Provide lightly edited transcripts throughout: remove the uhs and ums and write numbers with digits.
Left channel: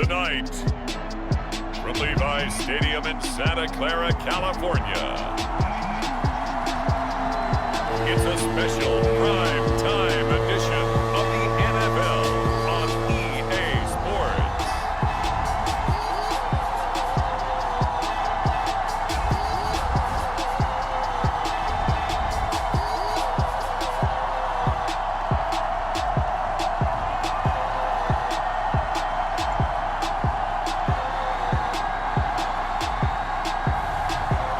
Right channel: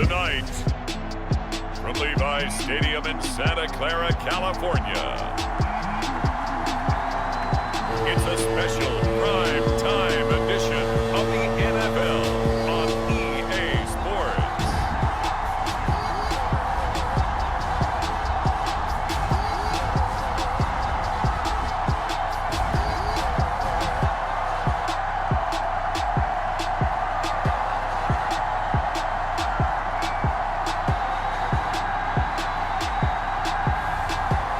Tonight, from Levi's Stadium in Santa Clara, California, it's a special prime time edition of the NFL on EA Sports.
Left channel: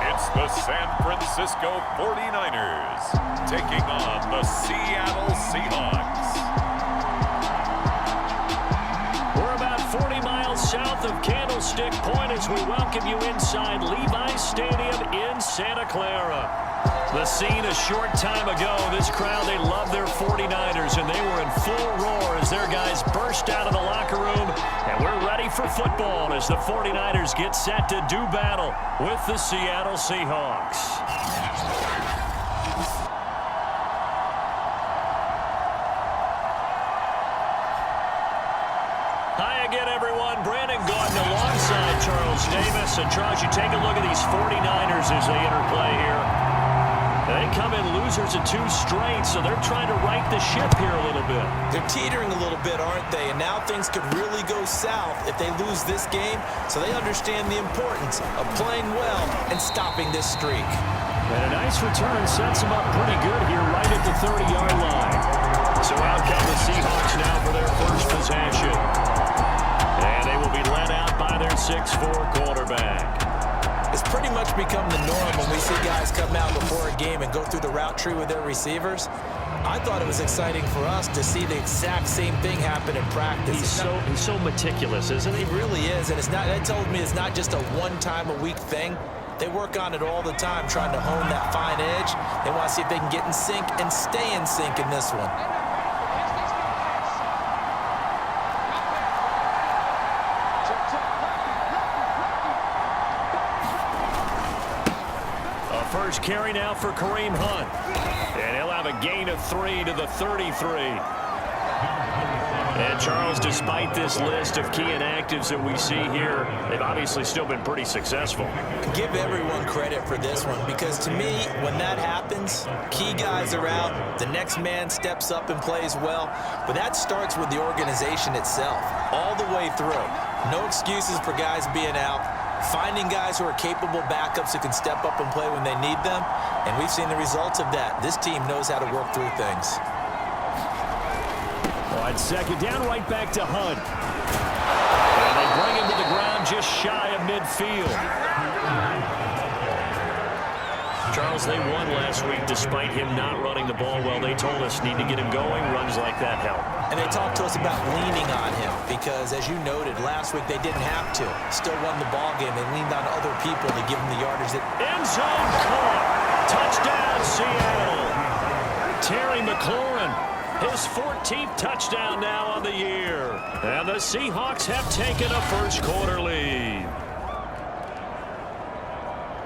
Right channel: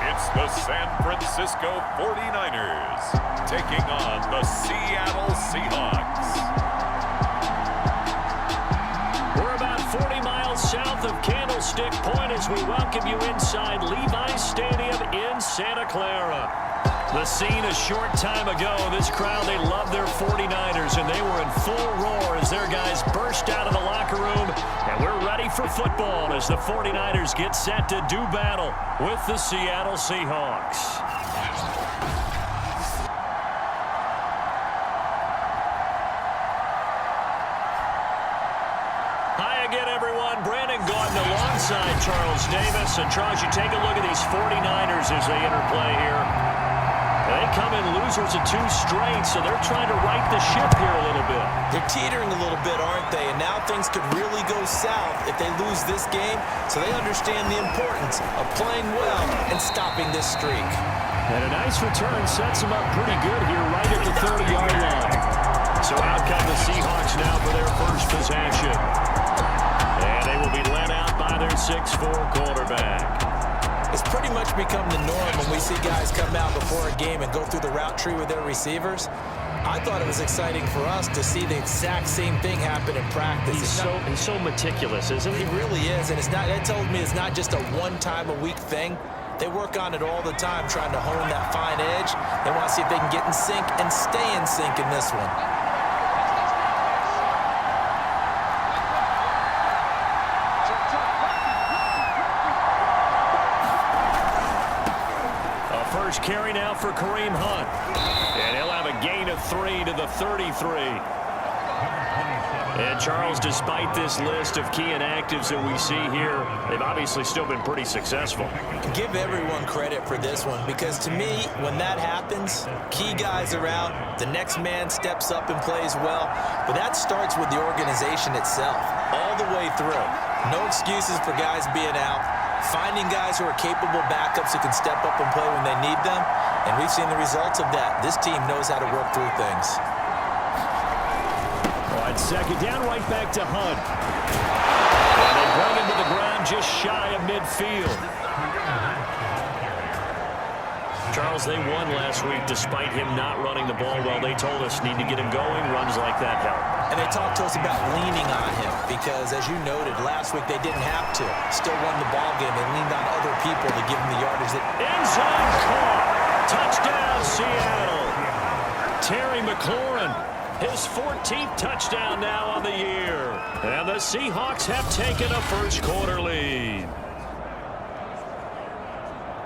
It's the San Francisco 49ers taking on the Seattle Seahawks. We're about 40 miles south of Candlestick Point as we welcome you inside Levi's Stadium in Santa Clara. The scene a short time ago, this crowd, they love their 49ers, and they were in full roar as their guys burst out of the locker room, and we're ready for football as the 49ers get set to do battle with the Seattle Seahawks. Hi again, everyone. Brandon Gordon alongside Charles Davis. And Charles, you take a look at these 49ers as they interplay here. They come in losers of 2 straight, so they're trying to right the ship here a little bit. They're teetering a little bit, aren't they? And now things could really go south if they lose this game, so they understand the importance of playing well and stopping this streak. And a nice return sets them up pretty good here right at the 30-yard line. So out come the Seahawks now for their first possession. And they will be led out by their 6'4" quarterback. It's pretty much become the norm when we see guys come out before a game and go through the route tree with their receivers. I thought it was exciting for us to see the exact same thing happen in practice. He's so meticulous, isn't he? He really is, and that tells me it's not just a one-time-a-week thing. They work on it all the time, trying to hone that fine edge. They want to see if they can get in sync and stay in sync in this one. First carry now for Kareem Hunt. And he'll have a gain of 3 to the 33. And Charles, despite this list of key inactives that we see here, they've obviously still been pretty successful. Give everyone credit for this one, because to me, when that happens, key guys are out, the next man steps up and plays well, but that starts with the organization itself, all the way through. No excuses for guys being out. Finding guys who are capable backups who can step up and play when they need them, and we've seen the results of that. This team knows how to work through things. On second down, right back to Hunt. And they bring him to the ground just shy of midfield. Charles, they won last week despite him not running the ball well. They told us need to get him going. Runs like that help. And they talked to us about leaning on him because, as you noted, last week they didn't have to. Still won the ball game. They leaned on other people to give them the yardage. End zone caught. Touchdown, Seattle. Terry McLaurin, his 14th touchdown now on the year. And the Seahawks have taken a first-quarter lead.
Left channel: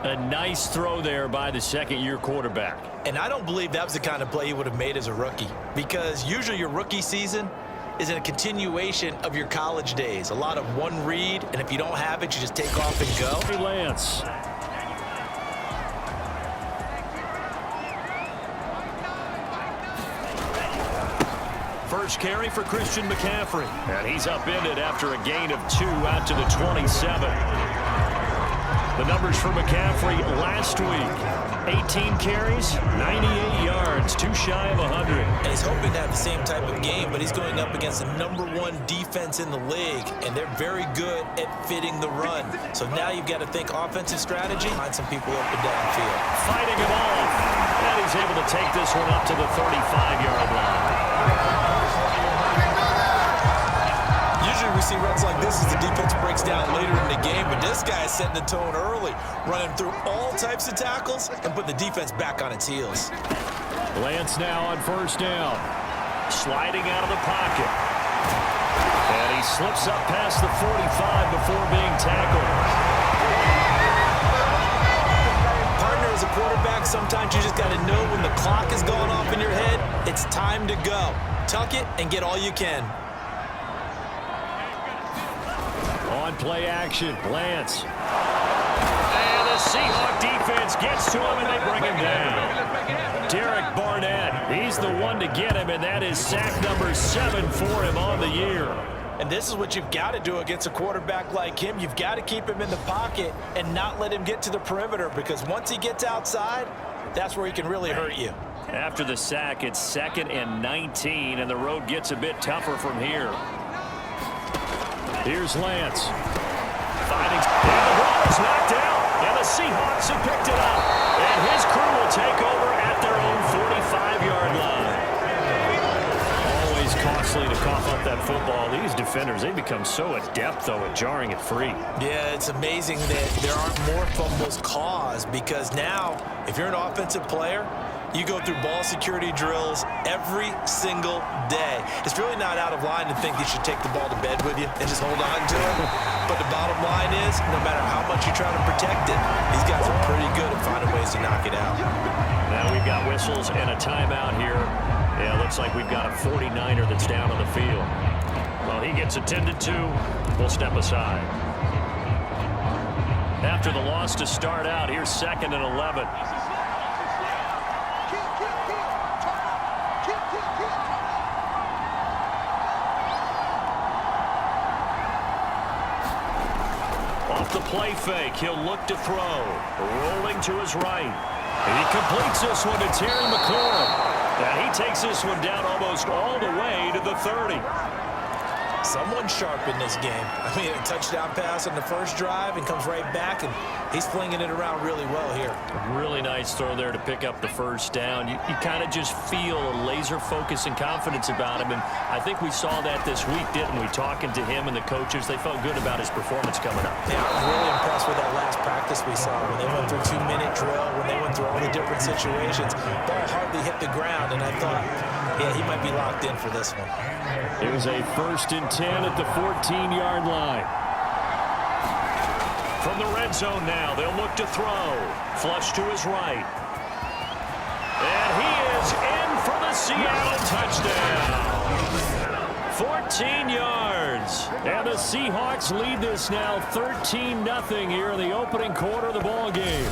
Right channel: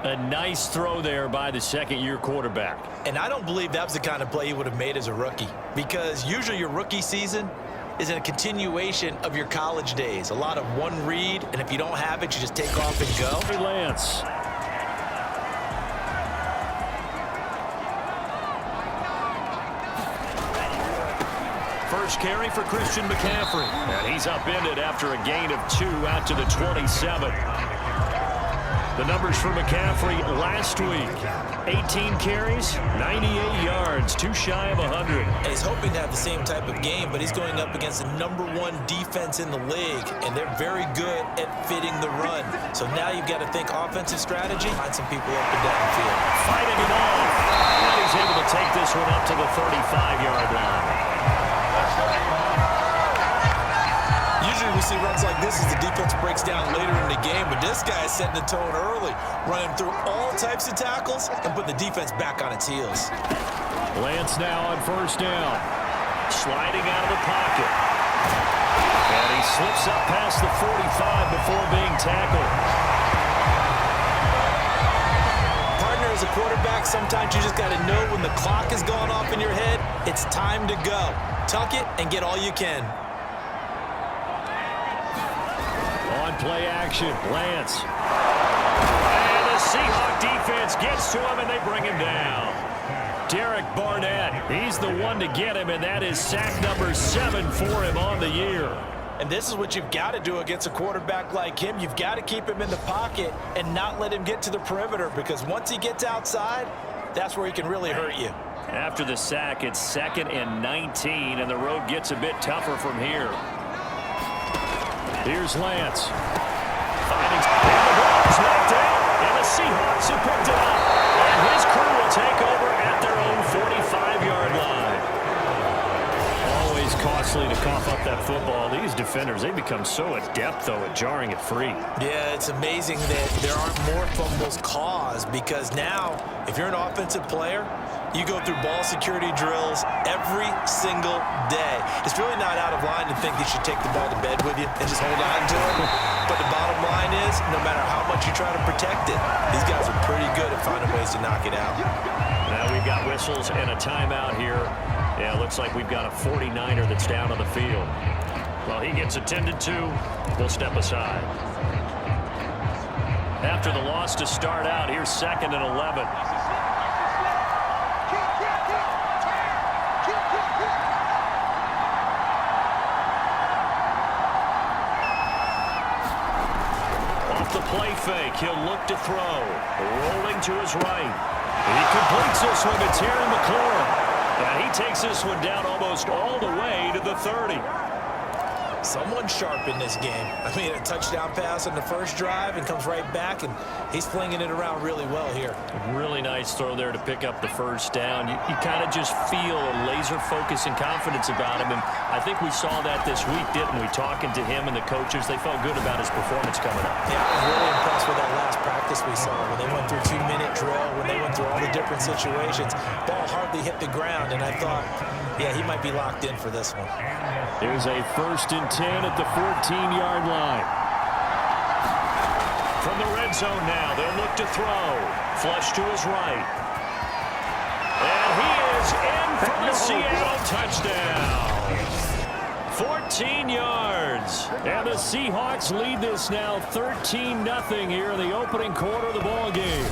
A nice throw there by the second-year quarterback. And I don't believe that was the kind of play he would have made as a rookie, because usually your rookie season is a continuation of your college days. A lot of one read, and if you don't have it, you just take off and go. Lance. First carry for Christian McCaffrey. And he's upended after a gain of 2 out to the 27. The numbers for McCaffrey last week: 18 carries, 98 yards, 2 shy of 100. And he's hoping to have the same type of game, but he's going up against the #1 defense in the league, and they're very good at fitting the run. So now you've got to think offensive strategy, find some people up and downfield. Fighting him off, and he's able to take this one up to the 35-yard line. Usually we see runs like this as the defense breaks down later in the game, but this guy is setting the tone early, running through all types of tackles and putting the defense back on its heels. Lance now on first down, sliding out of the pocket. And he slips up past the 45 before being tackled. Partner, as a quarterback, sometimes you just got to know when the clock has gone off in your head, it's time to go. Tuck it and get all you can. On play action, Lance. And the Seahawk defense gets to him, and they bring him down. Derek Barnett, he's the one to get him, and that is sack number 7 for him on the year. And this is what you've got to do against a quarterback like him. You've got to keep him in the pocket and not let him get to the perimeter, because once he gets outside, that's where he can really hurt you. After the sack, it's 2nd and 19, and the road gets a bit tougher from here. Here's Lance. Finding, and the ball is knocked out, and the Seahawks have picked it up. And his crew will take over at their own 45-yard line. Always costly to cough up that football. These defenders, they become so adept, though, at jarring it free. Yeah, it's amazing that there aren't more fumbles caused, because now, if you're an offensive player, you go through ball security drills every single day. It's really not out of line to think you should take the ball to bed with you and just hold on to it. But the bottom line is, no matter how much you try to protect it, these guys are pretty good at finding ways to knock it out. Now we've got whistles and a timeout here. Yeah, looks like we've got a 49er that's down on the field. Well, he gets attended to. We'll step aside. After the loss to start out, here's 2nd and 11. Off the play fake, he'll look to throw. Rolling to his right. And he completes this one to Terry McLaurin. And he takes this one down almost all the way to the 30. Someone's sharp in this game. I mean, a touchdown pass on the first drive and comes right back, and he's flinging it around really well here. Really nice throw there to pick up the first down. You kind of just feel a laser focus and confidence about him, and I think we saw that this week, didn't we? Talking to him and the coaches, they felt good about his performance coming up. Yeah, I was really impressed with that last practice we saw when they went through 2-minute drill, when they went through all the different situations. Ball hardly hit the ground, and I thought, yeah, he might be locked in for this one. Here's a 1st and 10 at the 14-yard line. From the red zone now, they'll look to throw. Flush to his right. And he is in for the Seattle touchdown. 14 yards. And the Seahawks lead this now 13-0 here in the opening quarter of the ball game.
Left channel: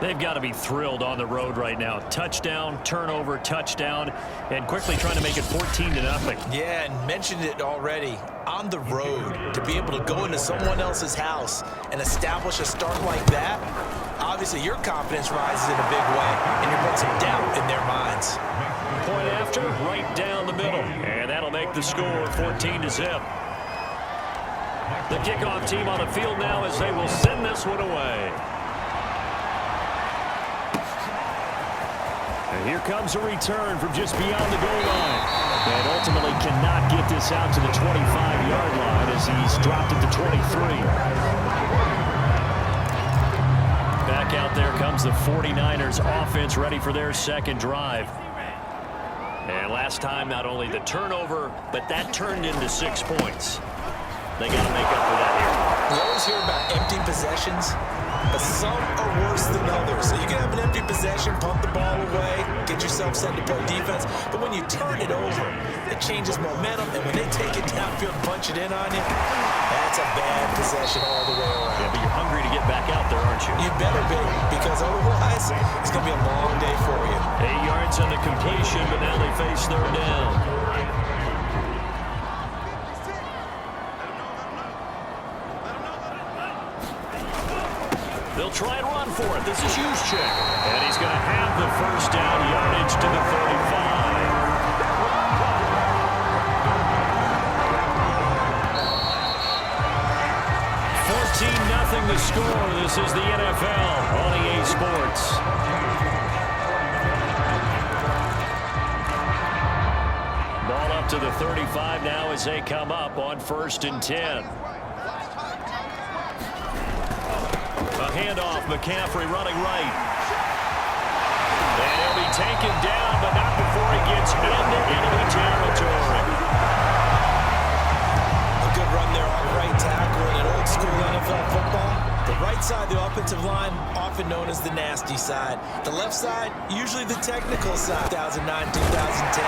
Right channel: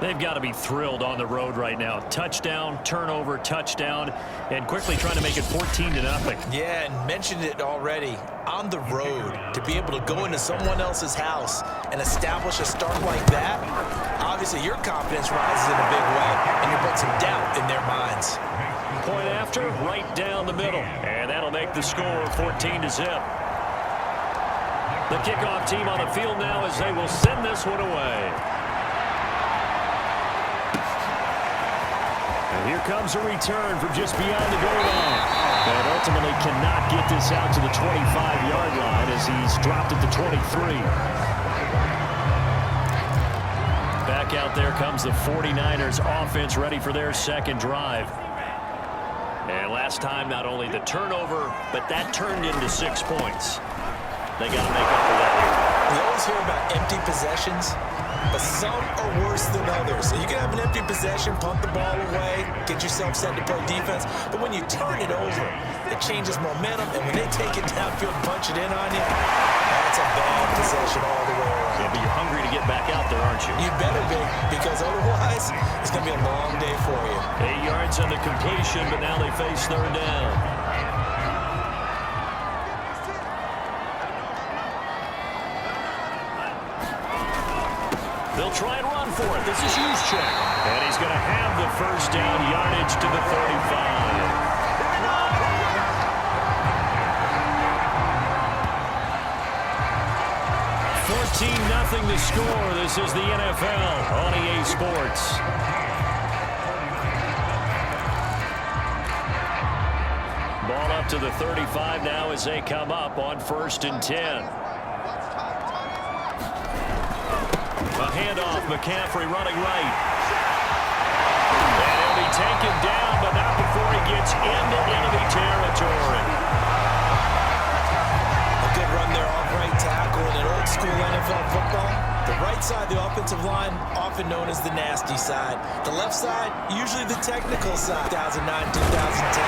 They've got to be thrilled on the road right now. Touchdown, turnover, touchdown, and quickly trying to make it 14-0. Yeah, and mentioned it already. On the road, to be able to go into someone else's house and establish a start like that, obviously your confidence rises in a big way, and you're putting some doubt in their minds. Point after, right down the middle, and that'll make the score 14-0. The kickoff team on the field now as they will send this one away. And here comes a return from just beyond the goal line. And ultimately cannot get this out to the 25-yard line as he's dropped at the 23. Back out there comes the 49ers offense ready for their second drive. And last time, not only the turnover, but that turned into 6 points. They got to make up for that here. We always hear about empty possessions, but some are worse than others. So you can have an empty possession, punt the ball away, get yourself set to play defense. But when you turn it over, it changes momentum. And when they take it downfield and punch it in on you, that's a bad possession all the way around. Yeah, but you're hungry to get back out there, aren't you? You better be, because otherwise it's going to be a long day for you. 8 yards on the completion, but now they face 3rd down. They'll try and run for it. This is Juszczyk. And he's going to have the first down, yardage to the 35. Nothing the score. This is the NFL on EA Sports. Ball up to the 35 now as they come up on 1st and 10. A handoff, McCaffrey running right. And he'll be taken down, but not before he gets into enemy territory. A good run there off right tackle in an old school NFL football. The right side of the offensive line, often known as the nasty side. The left side, usually the technical side. 2009, 2010,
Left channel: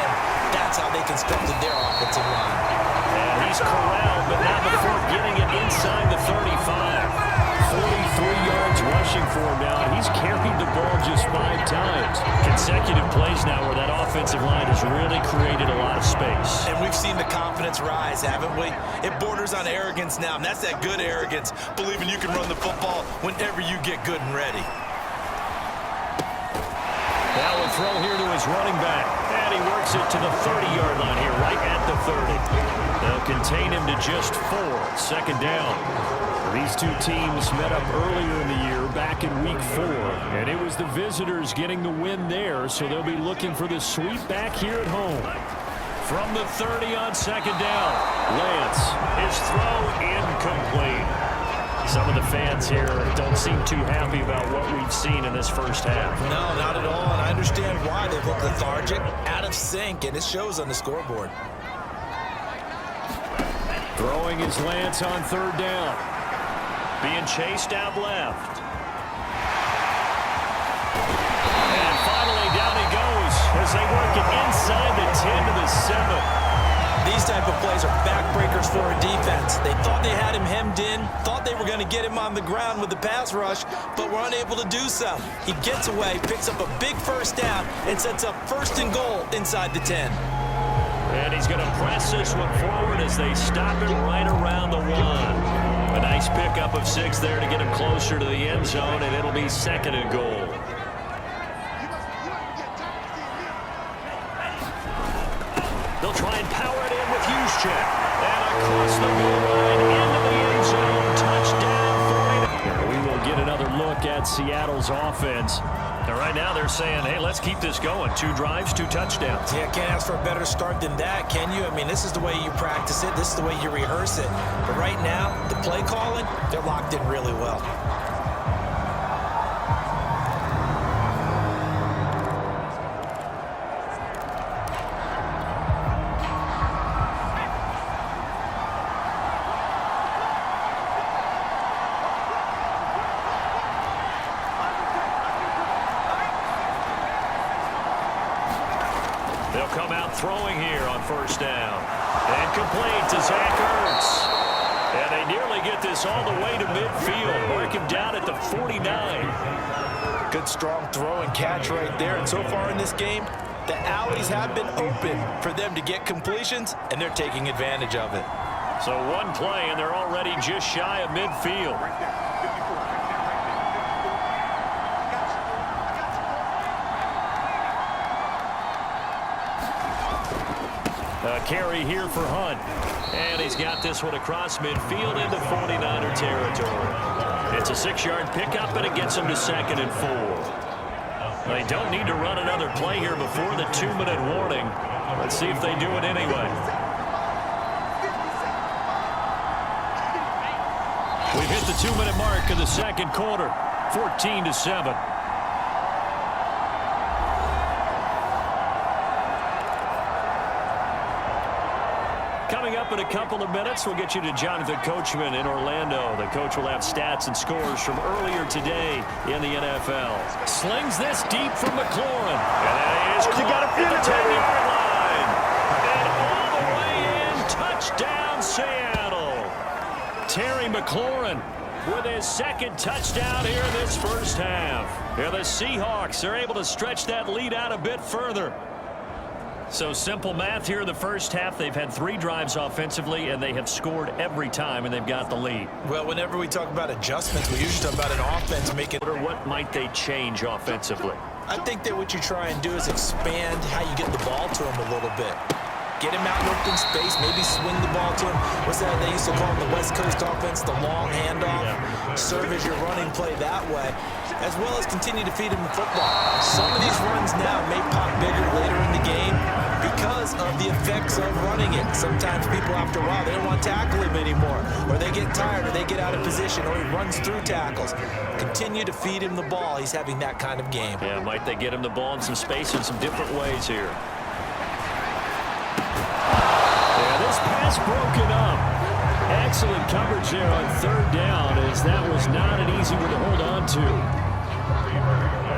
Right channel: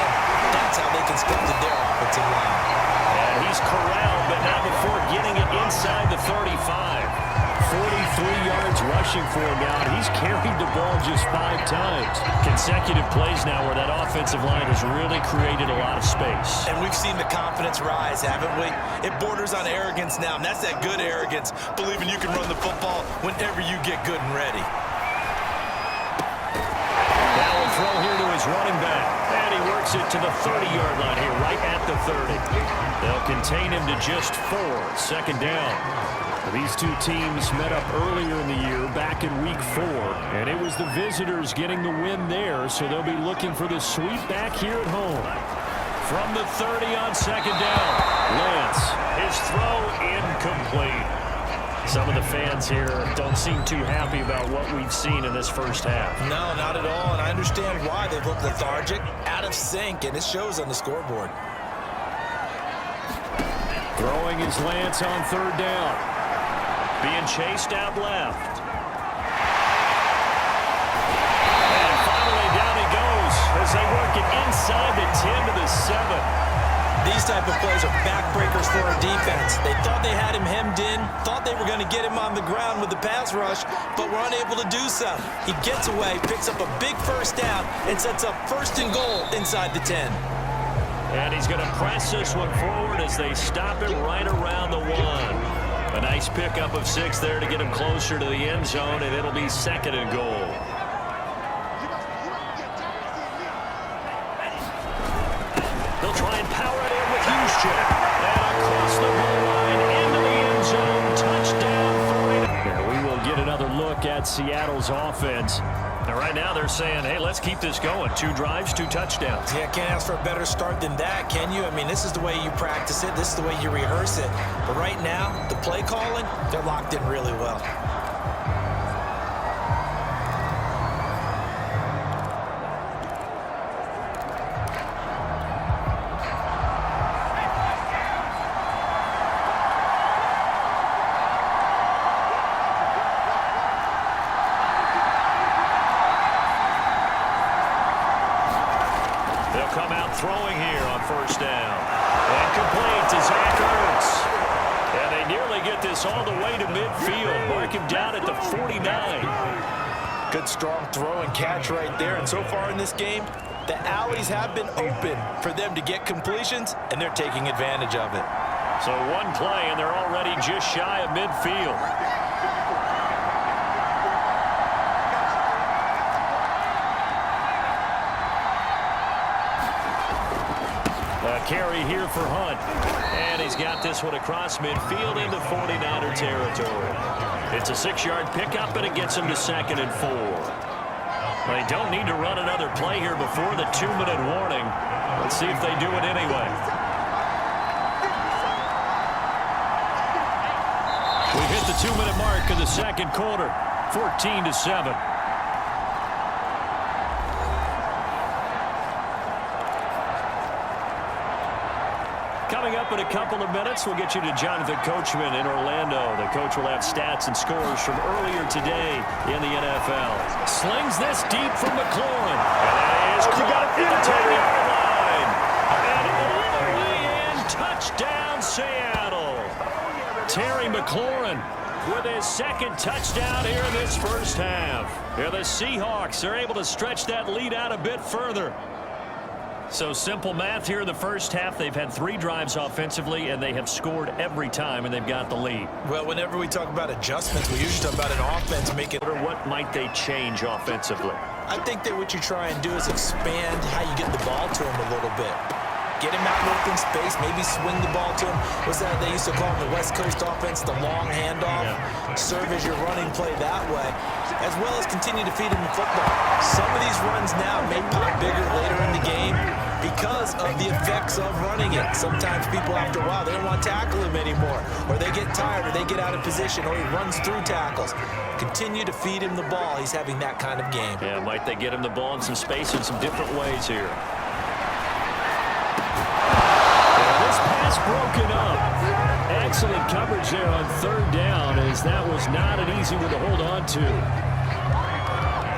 that's how they constructed their offensive line. And he's corralled, but not before getting it inside the 35. 43 yards rushing for him now, and he's carried the ball just 5 times. Consecutive plays now where that offensive line has really created a lot of space. And we've seen the confidence rise, haven't we? It borders on arrogance now, and that's that good arrogance, believing you can run the football whenever you get good and ready. Now a throw here to his running back, and he works it to the 30-yard line here, right at the 30. They'll contain him to just 4, second down. These two teams met up earlier in the year, back in week 4, and it was the visitors getting the win there, so they'll be looking for the sweep back here at home. From the 30 on second down, Lance, his throw incomplete. Some of the fans here don't seem too happy about what we've seen in this first half. No, not at all, and I understand why. They've looked lethargic, out of sync, and it shows on the scoreboard. Throwing is Lance on third down. Being chased out left. And finally down he goes as they work it inside the 10 to the 7. These type of plays are backbreakers for a defense. They thought they had him hemmed in, thought they were going to get him on the ground with the pass rush, but were unable to do so. He gets away, picks up a big first down, and sets up first and goal inside the 10. And he's going to press this one forward as they stop him right around the 1. A nice pickup of 6 there to get him closer to the end zone, and it'll be second and goal. They'll try and power it in with Juszczyk. And across the goal line into the end zone. Touchdown 49. Here we will get another look at Seattle's offense. And right now they're saying, hey, let's keep this going. 2 drives, 2 touchdowns. Yeah, can't ask for a better start than that, can you? I mean, this is the way you practice it. This is the way you rehearse it. But right now, the play calling, they're locked in really well. They'll come out throwing here on first down. And complete to Zach Ertz. And they nearly get this all the way to midfield. Mark him down at the 49. Good strong throw and catch right there. And so far in this game, the alleys have been open for them to get completions, and they're taking advantage of it. So one play, and they're already just shy of midfield. A carry here for Hunt. And he's got this one across midfield into 49er territory. It's a 6-yard pickup, and it gets him to second and 4. They don't need to run another play here before the 2-minute warning. Let's see if they do it anyway. We've hit the 2-minute mark in the second quarter. 14-7. Coming up in a couple of minutes, we'll get you to Jonathan Coachman in Orlando. The coach will have stats and scores from earlier today in the NFL. Slings this deep from McLaurin. And that is caught at the 10-yard line. And all the way in, touchdown Seattle. Terry McLaurin with his second touchdown here in this first half. Here the Seahawks are able to stretch that lead out a bit further. So simple math here in the first half. They've had 3 drives offensively, and they have scored every time, and they've got the lead. Well, whenever we talk about adjustments, we usually talk about an offense making... What might they change offensively? I think that what you try and do is expand how you get the ball to him a little bit. Get him out in open space, maybe swing the ball to him. What's that they used to call in the West Coast offense, the long handoff? Yeah. Serve as your running play that way, as well as continue to feed him the football. Some of these runs now may pop bigger later in the game because of the effects of running it. Sometimes people, after a while, they don't want to tackle him anymore, or they get tired, or they get out of position, or he runs through tackles. Continue to feed him the ball. He's having that kind of game. Yeah, might they get him the ball in some space in some different ways here. This pass broken up. Excellent coverage there on third down, as that was not an easy one to hold on to.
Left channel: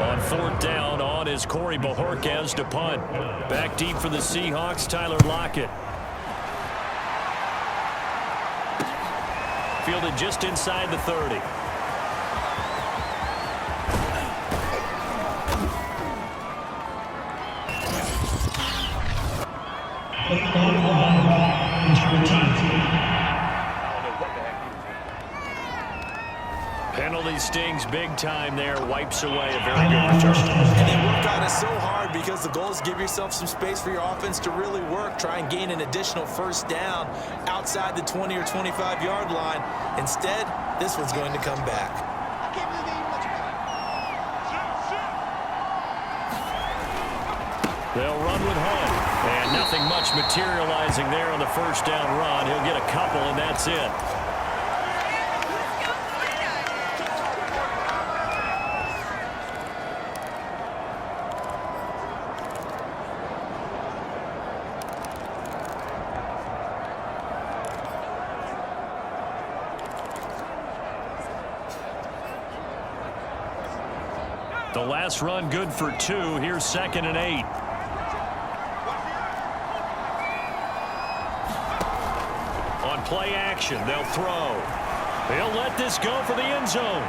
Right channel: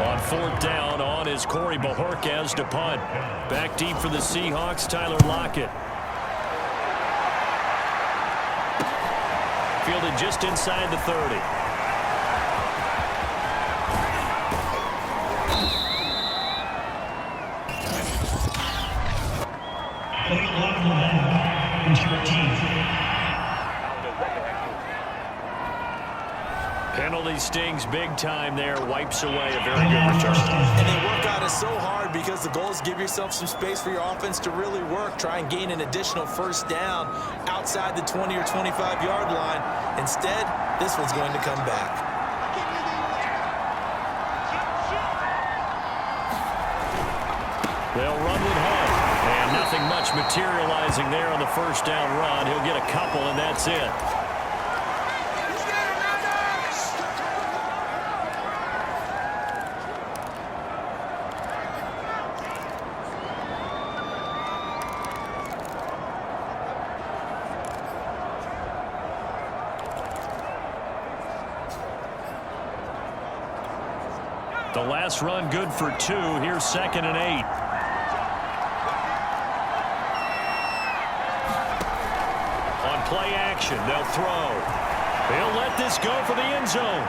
On fourth down, on is Corey Bojorquez to punt. Back deep for the Seahawks, Tyler Lockett. fielded just inside the 30. Penalty stings big time there, wipes away a very good return. And they work on it so hard because the goal is give yourself some space for your offense to really work. Try and gain an additional first down outside the 20 or 25-yard line. Instead, this one's going to come back. They'll run with Hunt. And nothing much materializing there on the first down run. He'll get a couple, and that's it. The last run good for 2. Here's 2nd and 8. On play action, they'll throw. He'll let this go for the end zone.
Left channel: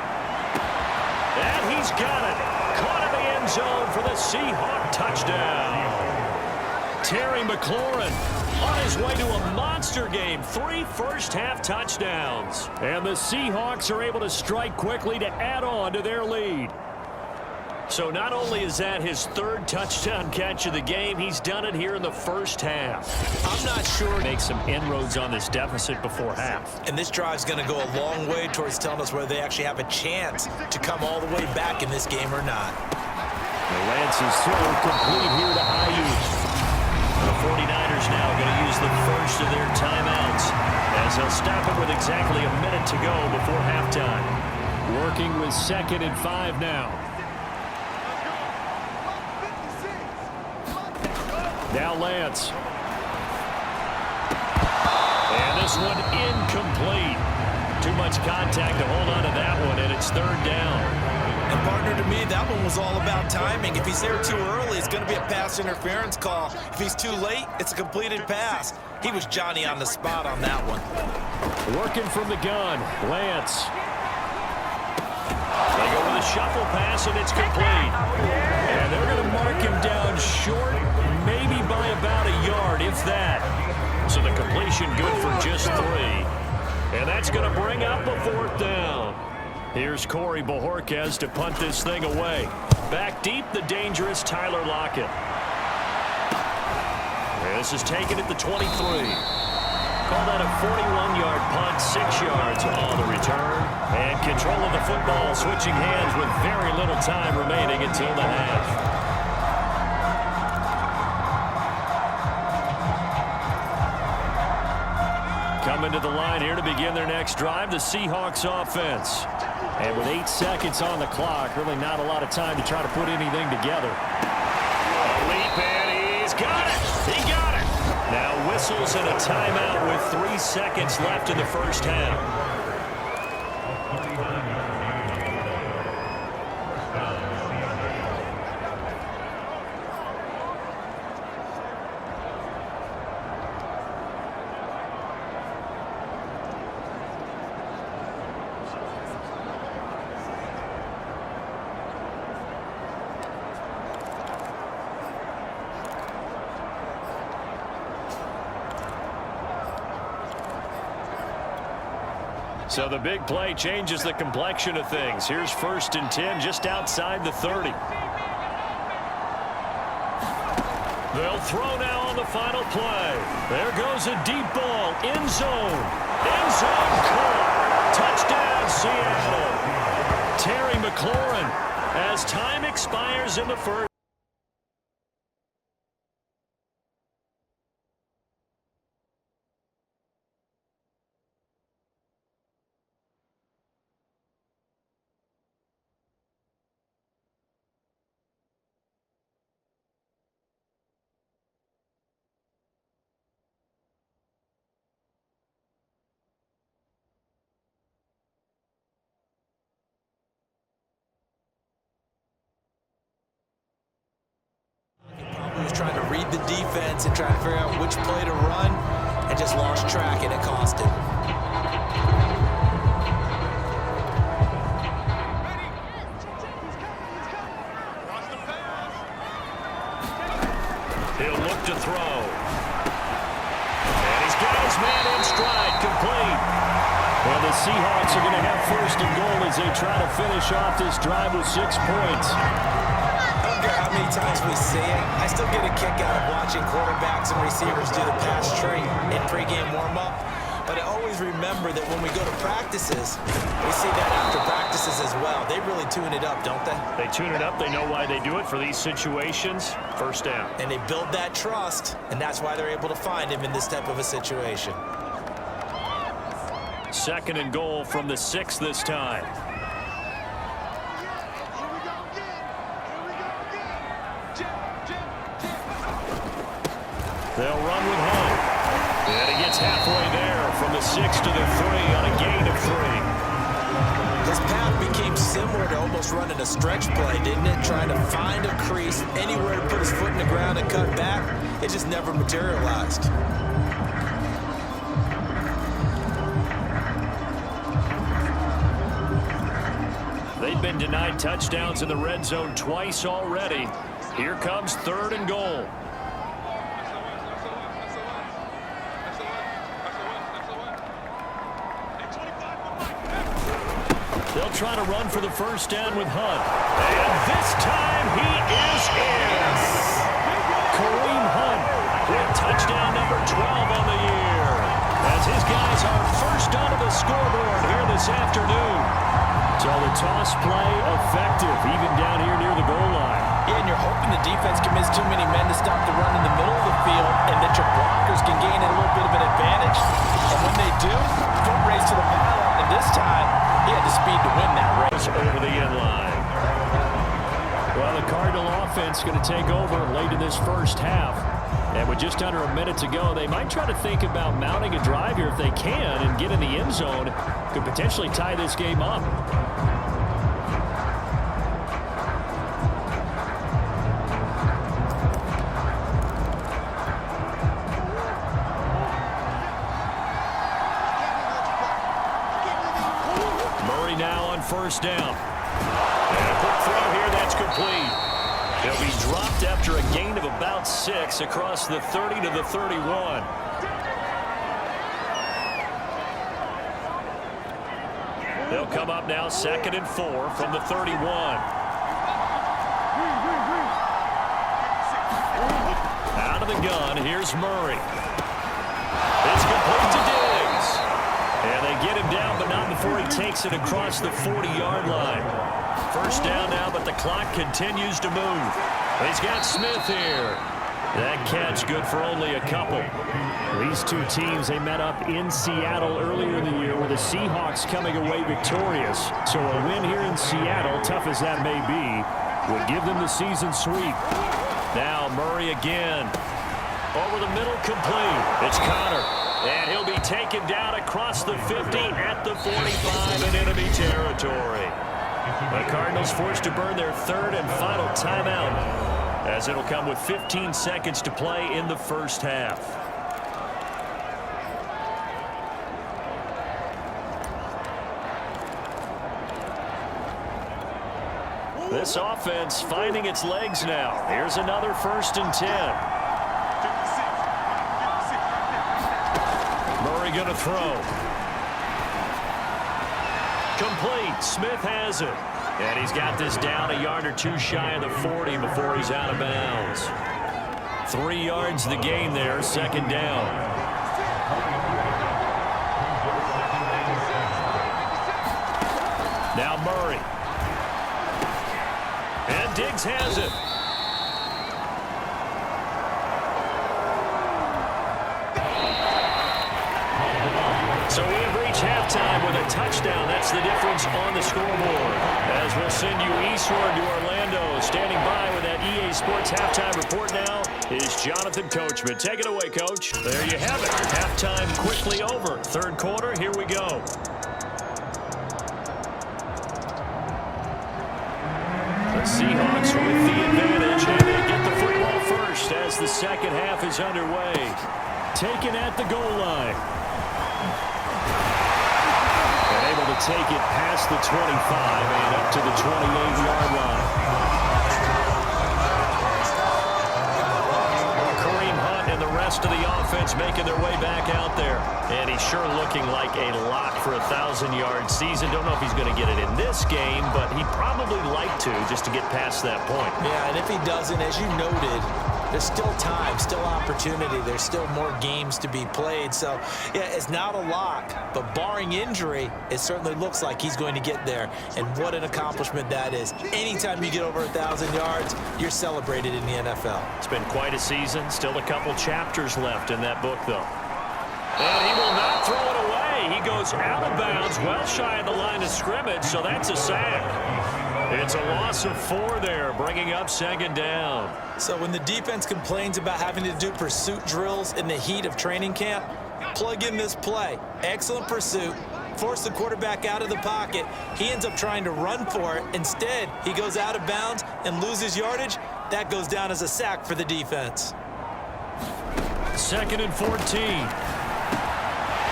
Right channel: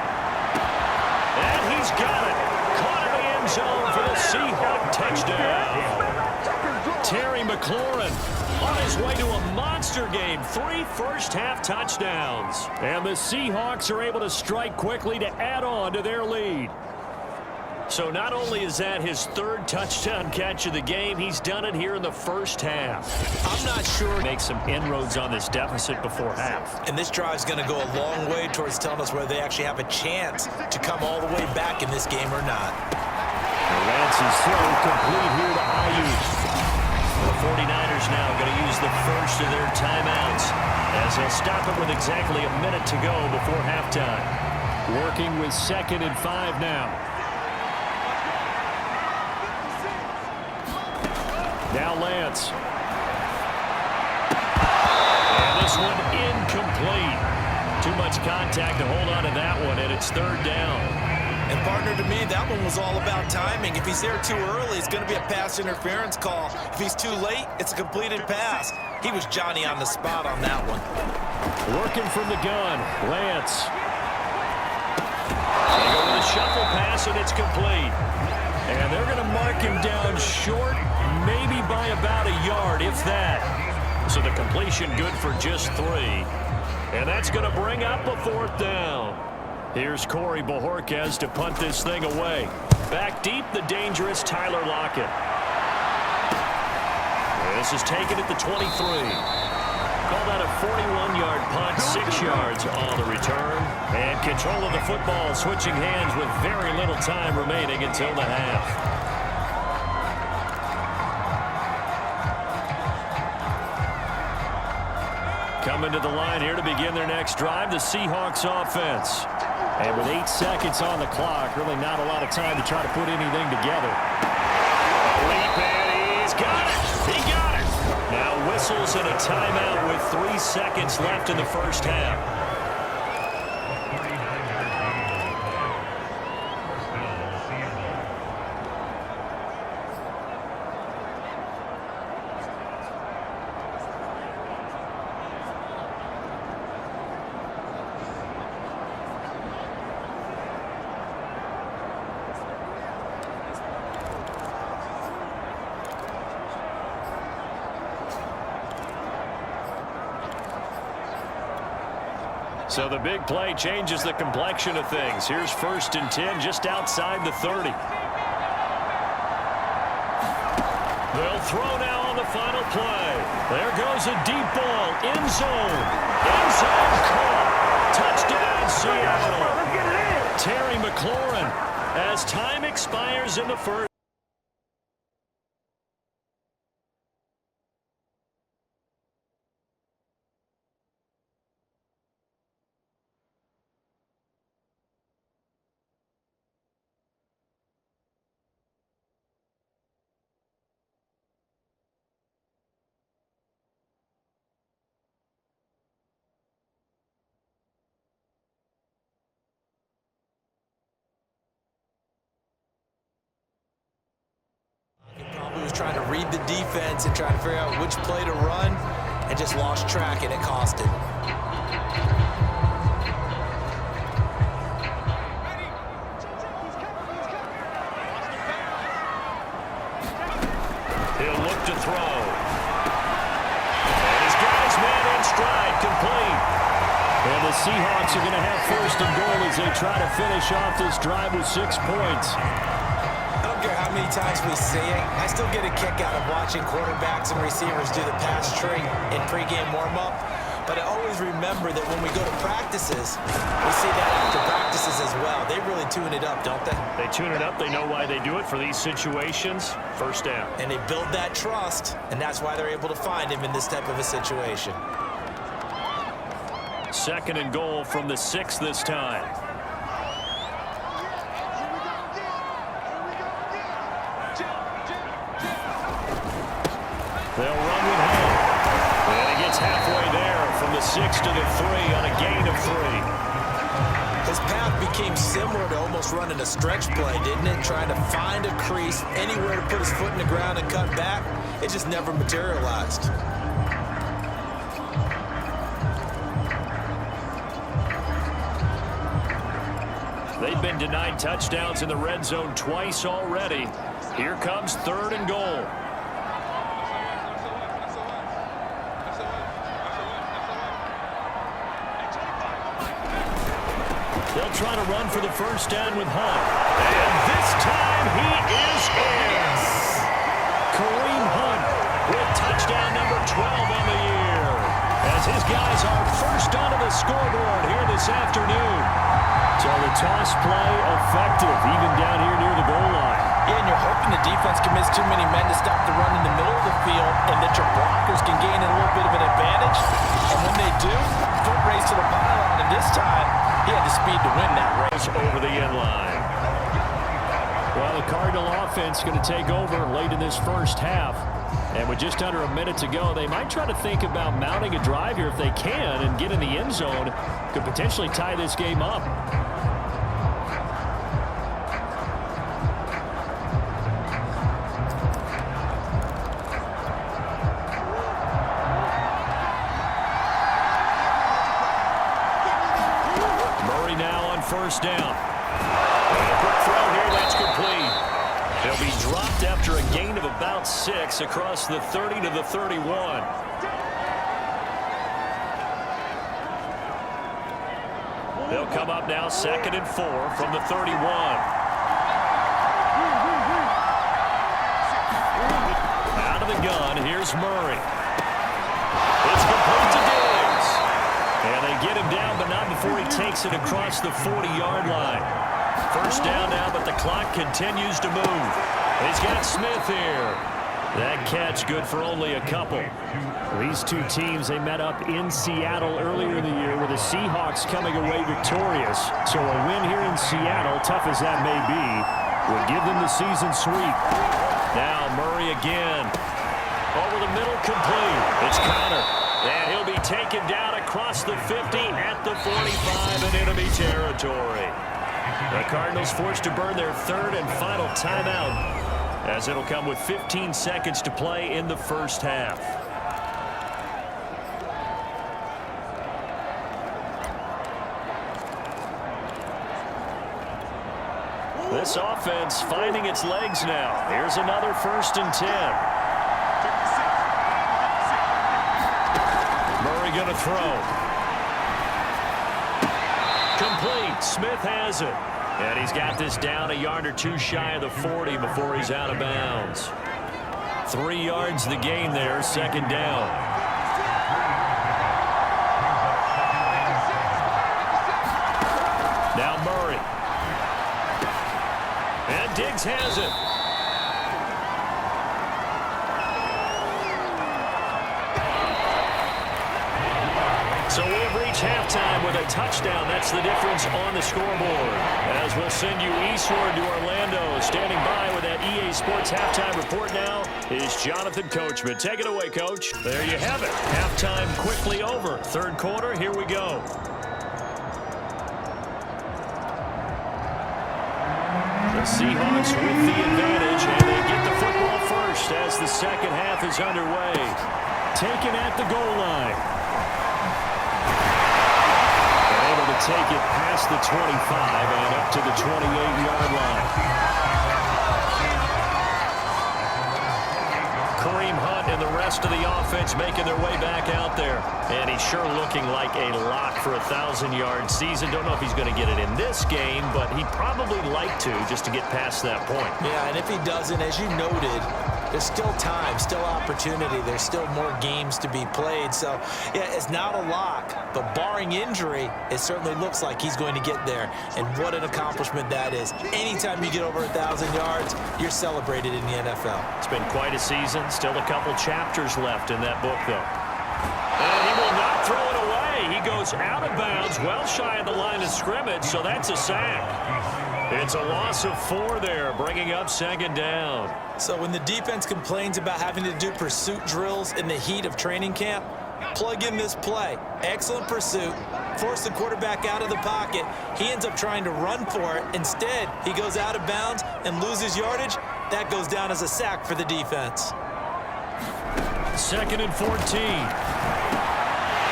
And he's got it. Caught in the end zone for the Seahawk touchdown. Terry McLaurin on his way to a monster game. 3 first-half touchdowns. And the Seahawks are able to strike quickly to add on to their lead. So not only is that his 3rd touchdown catch of the game, he's done it here in the first half. I'm not sure. Make some inroads on this deficit before half. And this drive's going to go a long way towards telling us whether they actually have a chance to come all the way back in this game or not. Lance's throw complete here to Ayuk. The 49ers now going to use the first of their timeouts as they'll stop it with exactly a minute to go before halftime. Working with 2nd and 5 now. Now Lance. And this one incomplete. Too much contact to hold on to that one, and it's 3rd down. And partner, to me, that one was all about timing. If he's there too early, it's going to be a pass interference call. If he's too late, it's a completed pass. He was Johnny on the spot on that one. Working from the gun, Lance. They go with a shuffle pass, and it's complete. And they're going to mark him down short, maybe by about a yard, if that. So the completion good for just 3. And that's going to bring up a 4th down. Here's Corey Bojorquez to punt this thing away. Back deep, the dangerous Tyler Lockett. This is taken at the 23. Call that a 41-yard punt, 6 yards on the return. And control of the football switching hands with very little time remaining until the half. Coming to the line here to begin their next drive, the Seahawks offense. And with 8 seconds on the clock, really not a lot of time to try to put anything together. A leap, and he's got it! He got it! Now whistles and a timeout with 3 seconds left in the first half. So the big play changes the complexion of things. Here's 1st and 10 just outside the 30. They'll throw now on the final play. There goes a deep ball. End zone. End zone caught. Touchdown, Seattle. Terry McLaurin as time expires in the first. He was trying to read the defense and trying to figure out which play to run and just lost track, and it cost him. throw. And he's got his man in stride, complete. And the Seahawks are going to have first and goal as they try to finish off this drive with 6 points. I don't care how many times we see it. I still get a kick out of watching quarterbacks and receivers do the pass tree in pregame warm-up. But I always remember that when we go to practices, we see that after practices as well. They really tune it up, don't they? They tune it up. They know why they do it for these situations. First down. And they build that trust, and that's why they're able to find him in this type of a situation. Second and goal from the 6 this time. They'll run with Hunt. And he gets halfway there from the 6 to the 3 on a gain of 3. His path became similar to almost running a stretch play, didn't it? Trying to find a crease, anywhere to put his foot in the ground and cut back. It just never materialized. They've been denied touchdowns in the red zone twice already. Here comes third and goal. They'll try to run for the first down with Hunt. And this time he is in. Kareem Hunt with touchdown number 12 on the year. As his guys are first onto the scoreboard here this afternoon. So the toss play effective, even down here near the goal line. Yeah, and you're hoping the defense can miss too many men to stop the run in the middle of the field and that your blockers can gain a little bit of an advantage. And when they do, foot race to the pylon, and this time he had the speed to win that race. Over the end line. Well, the Cardinal offense going to take over late in this first half. And with just under a minute to go, they might try to think about mounting a drive here if they can and get in the end zone. Could potentially tie this game up. Murray now on first down. And a quick throw here, that's complete. He'll be dropped after a gain of about 6 across the 30 to the 31. They'll come up now 2nd and 4 from the 31. Out of the gun, here's Murray. It's complete to Diggs. And they get him down, but not before he takes it across the 40-yard line. First down now, but the clock continues to move. He's got Smith here. That catch good for only a couple. These two teams, they met up in Seattle earlier in the year with the Seahawks coming away victorious. So a win here in Seattle, tough as that may be, would give them the season sweep. Now Murray again. Over the middle, complete. It's Connor. And he'll be taken down across the 50 at the 45 in enemy territory. The Cardinals forced to burn their third and final timeout, as it'll come with 15 seconds to play in the first half. This offense finding its legs now. Here's another 1st and 10. Murray going to throw. Complete. Smith has it. And he's got this down a yard or two shy of the 40 before he's out of bounds. 3 yards the gain there, 2nd down. Now Murray. And Diggs has it. So we have reached halftime with a touchdown. That's the difference on the scoreboard. As we'll send you eastward to Orlando. Standing by with that EA Sports halftime report now is Jonathan Coachman. Take it away, Coach. There you have it. Halftime quickly over. 3rd quarter, here we go. The Seahawks with the advantage, and they get the football first as the 2nd half is underway. Taken at the goal line. Able to take it past the 25 and up to the 28-yard line. Kareem Hunt Hunt and the rest of the offense making their way back out there. And he's sure looking like a lock for a 1,000-yard season. Don't know if he's going to get it in this game, but he'd probably like to just to get past that point. Yeah, and if he doesn't, as you noted, there's still time, still opportunity. There's still more games to be played. So, yeah, it's not a lock, but barring injury, it certainly looks like he's going to get there. And what an accomplishment that is. Anytime you get over 1,000 yards, you're celebrated in the NFL. It's been quite a season. Still a couple chapters left in that book, though. And he will not throw it away. He goes out of bounds, well shy of the line of scrimmage, so that's a sack. It's a loss of 4 there, bringing up second down. So when the defense complains about having to do pursuit drills in the heat of training camp, plug in this play. Excellent pursuit. Force the quarterback out of the pocket. He ends up trying to run for it. Instead, he goes out of bounds and loses yardage. That goes down as a sack for the defense. 2nd and 14.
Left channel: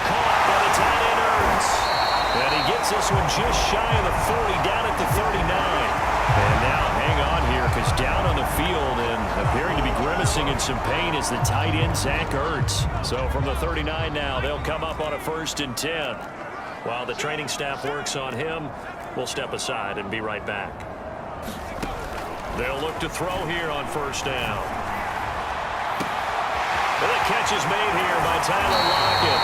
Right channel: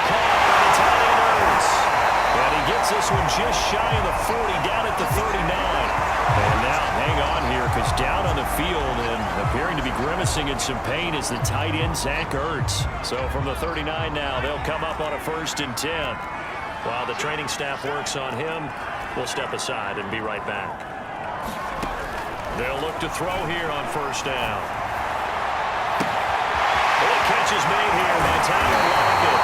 Caught by the tight end Ertz. And he gets this one just shy of the 40, down at the 39. And now hang on here, because down on the field and appearing to be grimacing in some pain is the tight end, Zach Ertz. So from the 39 now, they'll come up on a 1st and 10. While the training staff works on him, we'll step aside and be right back. They'll look to throw here on 1st down. Well, the catch is made here by Tyler Lockett.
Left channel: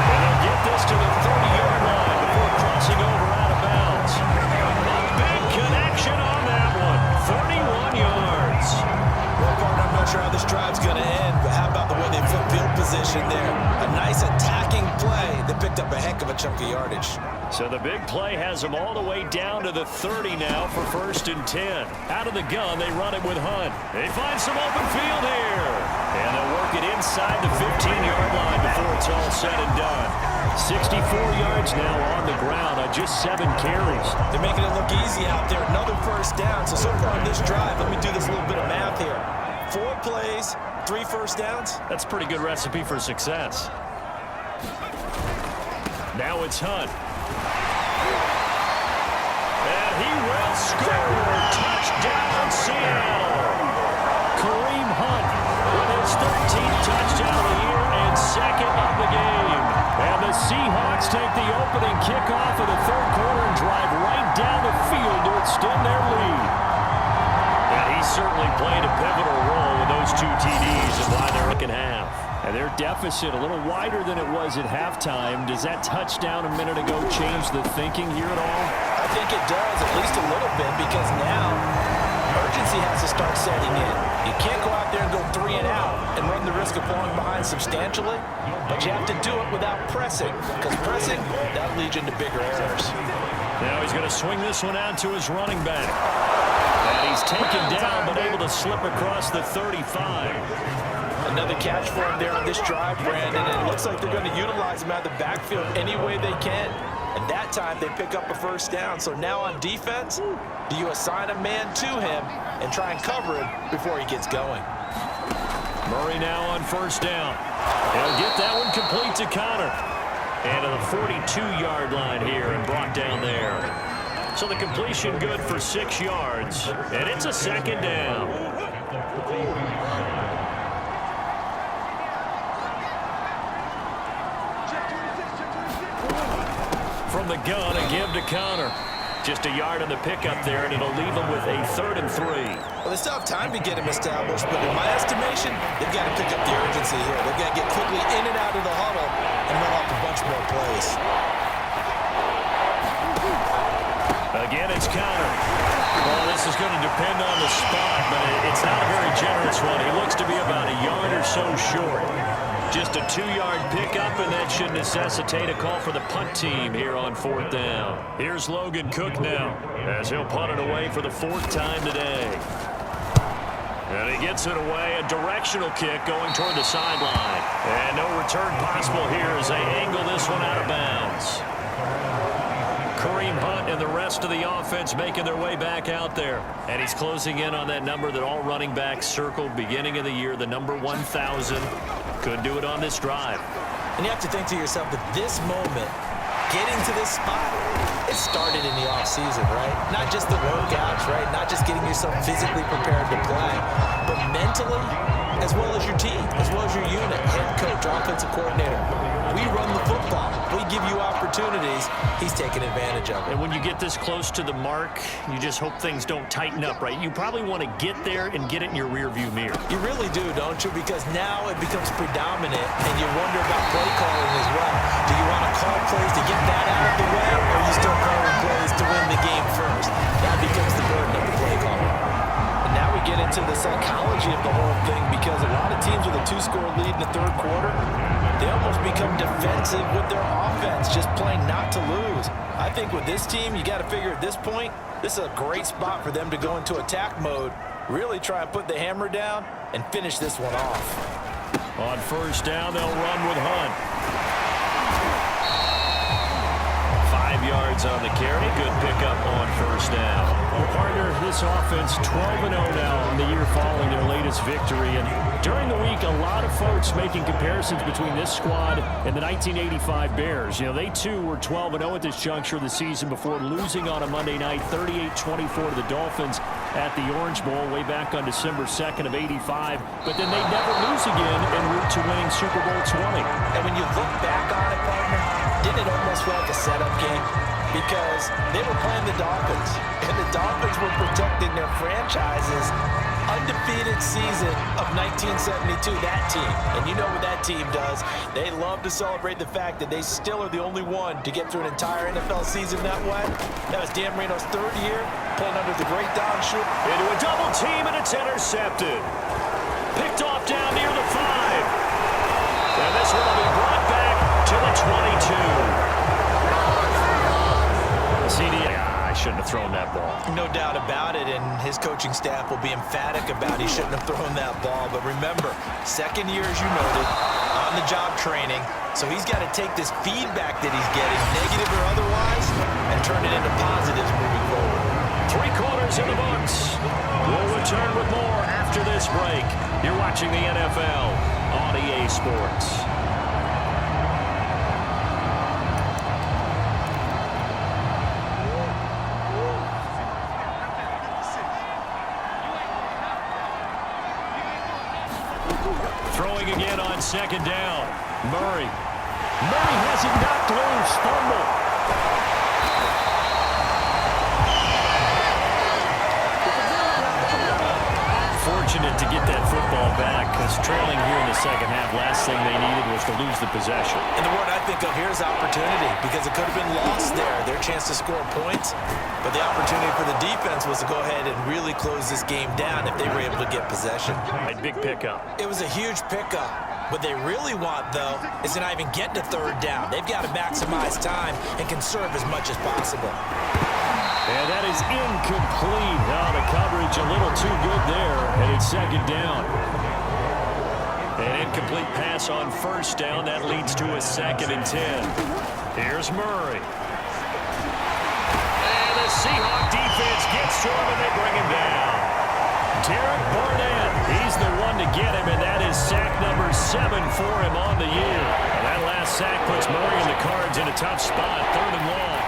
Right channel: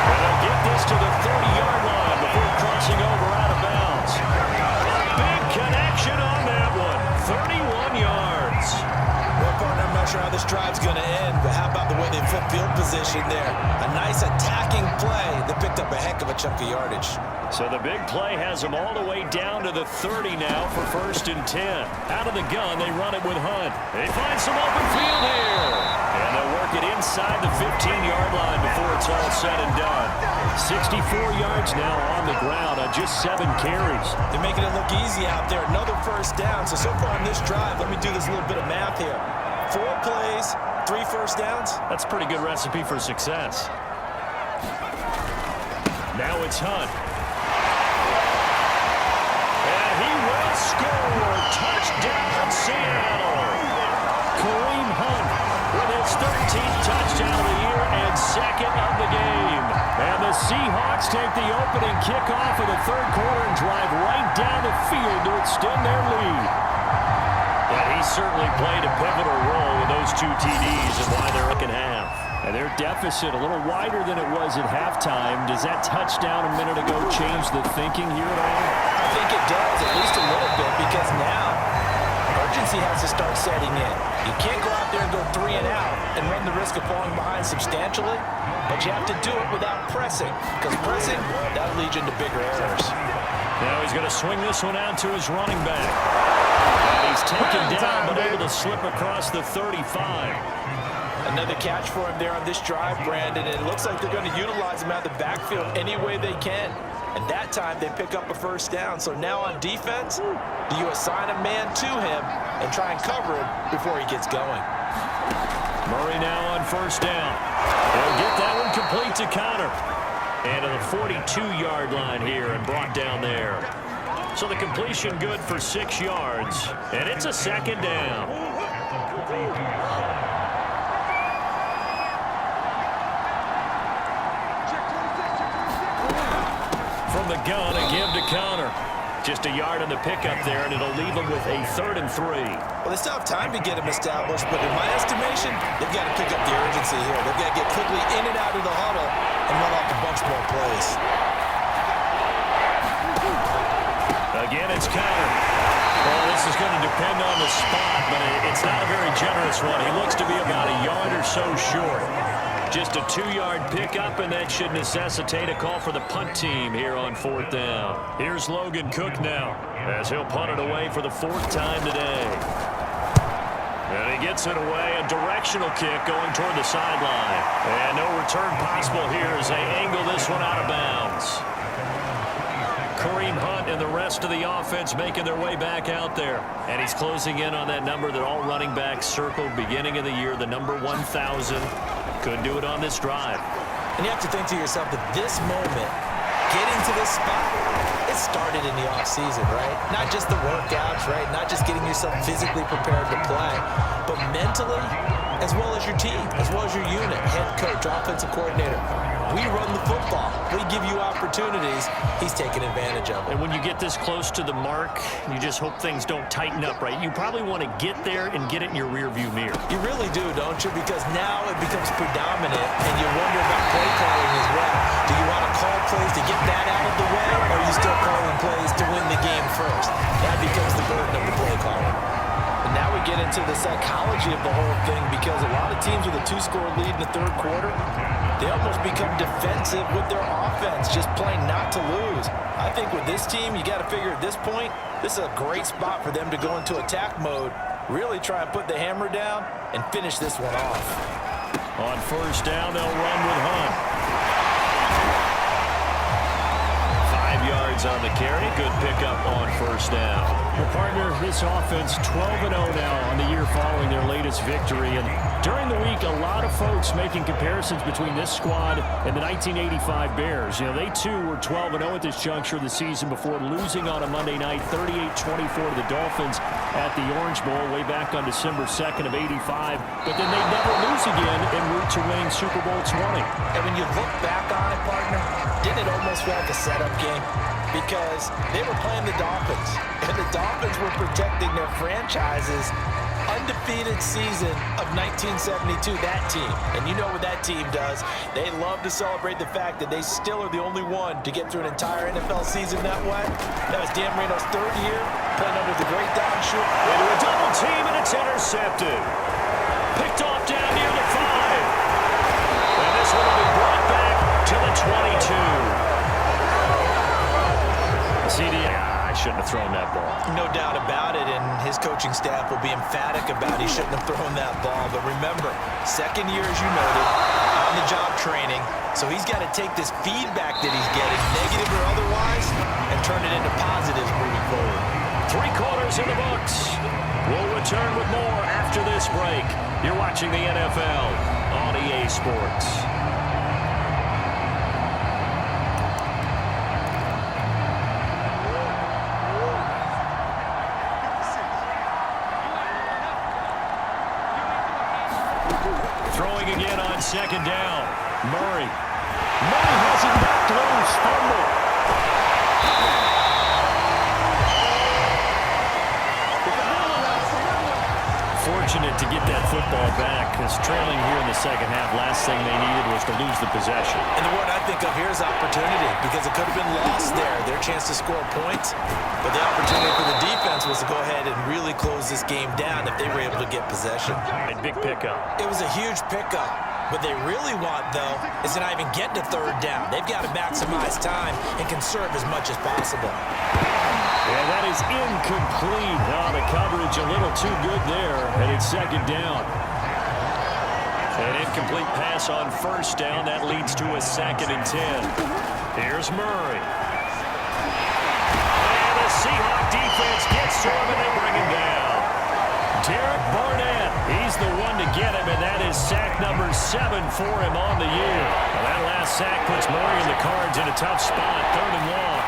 And they'll get this to the 30-yard line before crossing over out of bounds. A big connection on that one. 31 yards. Well, partner, I'm not sure how this drive's going to end, but how about the way they flip field position there? A nice attacking play that picked up a heck of a chunk of yardage. So the big play has them all the way down to the 30 now for 1st and 10. Out of the gun, they run it with Hunt. They find some open field here. And they'll work it inside the 15-yard line before it's all said and done. 64 yards now on the ground on just 7 carries. They're making it look easy out there. Another 1st down. So far on this drive, let me do this little bit of math here. 4 plays, 3 1st downs. That's a pretty good recipe for success. Now it's Hunt. And he will score. Touchdown, Seattle. Kareem Hunt with his 13th touchdown of the year and 2nd of the game. And the Seahawks take the opening kickoff of the 3rd quarter and drive right down the field to extend their lead. And he certainly played a pivotal role with those 2 TDs and why they're looking half. And their deficit a little wider than it was at halftime. Does that touchdown a minute ago change the thinking here at all? I think it does, at least a little bit, because now urgency has to start setting in. You can't go out there and go 3 and out and run the risk of falling behind substantially, but you have to do it without pressing, because pressing, that'll lead you into bigger errors. Now he's going to swing this one out to his running back. And he's taken down, but able to slip across the 35. Another catch for him there on this drive, Brandon, and it looks like they're going to utilize him out of the backfield any way they can. And that time they pick up a 1st down. So now on defense, do you assign a man to him and try and cover him before he gets going? Murray now on 1st down. He'll get that one complete to Connor. And to the 42-yard line here and brought down there. So the completion good for 6 yards. And it's a 2nd down. From the gun, a give to Connor. Just a yard on the pickup there, and it'll leave them with a 3rd and 3. Well, they still have time to get him established, but in my estimation, they've got to pick up the urgency here. They've got to get quickly in and out of the huddle and run off a bunch more plays. Again, it's Connor. Well, this is going to depend on the spot, but it's not a very generous one. He looks to be about a yard or so short. Just a 2-yard pickup, and that should necessitate a call for the punt team here on 4th down. Here's Logan Cook now, as he'll punt it away for the 4th time today. And he gets it away, a directional kick going toward the sideline. And no return possible here as they angle this one out of bounds. Kareem Hunt and the rest of the offense making their way back out there. And he's closing in on that number that all running backs circled beginning of the year, the number 1,000. Couldn't do it on this drive. And you have to think to yourself that this moment getting to this spot, it started in the offseason, right? Not just the workouts, right? Not just getting yourself physically prepared to play, but mentally, as well as your team, as well as your unit, head coach, offensive coordinator. We run the football. We give you opportunities. He's taking advantage of it. And when you get this close to the mark, you just hope things don't tighten up, right? You probably want to get there and get it in your rearview mirror. You really do, don't you? Because now it becomes predominant, and you wonder about play calling as well. Do you want to call plays to get that out of the way, or are you still calling plays to win the game first? That becomes the burden of the play caller. And now we get into the psychology of the whole thing, because a lot of teams with a 2-score lead in the third quarter, they almost become defensive with their offense, just playing not to lose. I think with this team, you got to figure at this point, this is a great spot for them to go into attack mode, really try and put the hammer down and finish this one off. On first down, they'll run with Hunt. 5 yards on the carry. Good pickup on first down. Well, partner, this offense 12-0 now on the year following their latest victory. And during the week, a lot of folks making comparisons between this squad and the 1985 Bears. You know, they too were 12-0 at this juncture of the season before losing on a Monday night 38-24 to the Dolphins at the Orange Bowl way back on December 2nd of '85. But then they'd never lose again en route to winning Super Bowl 20. And when you look back on it, partner, didn't it almost feel like a setup game? Because they were playing the Dolphins, and the Dolphins were protecting their franchise's undefeated season of 1972, that team. And you know what that team does. They love to celebrate the fact that they still are the only one to get through an entire NFL season that way. That was Dan Marino's third year, playing under the great Don Shula. Into a double team, and it's intercepted. Picked off down near the 5. And this one will be brought back to the 22. CD, I shouldn't have thrown that ball. No doubt about it, and his coaching staff will be emphatic about he shouldn't have thrown that ball. But remember, second year, as you noted, on-the-job training, so he's got to take this feedback that he's getting, negative or otherwise, and turn it into positives moving forward. 3 quarters in the books. We'll return with more after this break. You're watching the NFL on EA Sports. Throwing again on second down. Murray. Murray has it knocked loose. Fumble. Fortunate to get that football back, because trailing here in the second half, last thing they needed was to lose the possession. And the word I think of here is opportunity, because it could have been lost there, their chance to score points. But the opportunity for the defense was to go ahead and really close this game down if they were able to get possession. Big pickup. It was a huge pickup. What they really want, though, is to not even get to third down. They've got to maximize time and conserve as much as possible. And that is incomplete. Oh, the coverage a little too good there, and it's second down. An incomplete pass on first down. That leads to a 2nd and 10. Here's Murray. And the Seahawk defense gets to him, and they bring him down. Derek Barnett, he's the one to get him, and that is sack number 7 for him on the year. Now that last sack puts Murray and the Cards in a tough spot, 3rd and long.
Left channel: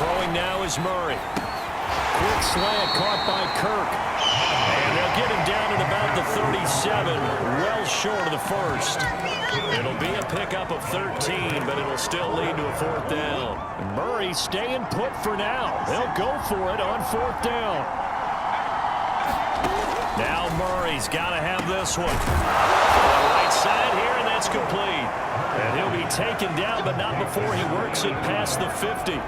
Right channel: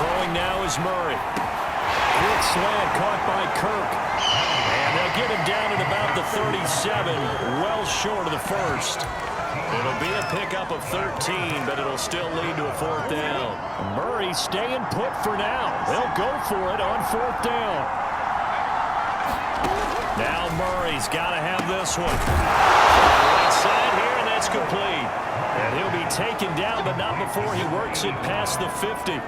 Throwing now is Murray. Quick slant caught by Kirk. And they'll get him down at about the 37, well short of the first. It'll be a pickup of 13, but it'll still lead to a 4th down. Murray staying put for now. They'll go for it on 4th down. Now Murray's got to have this one. Right side here, and that's complete. And he'll be taken down, but not before he works it past the 50.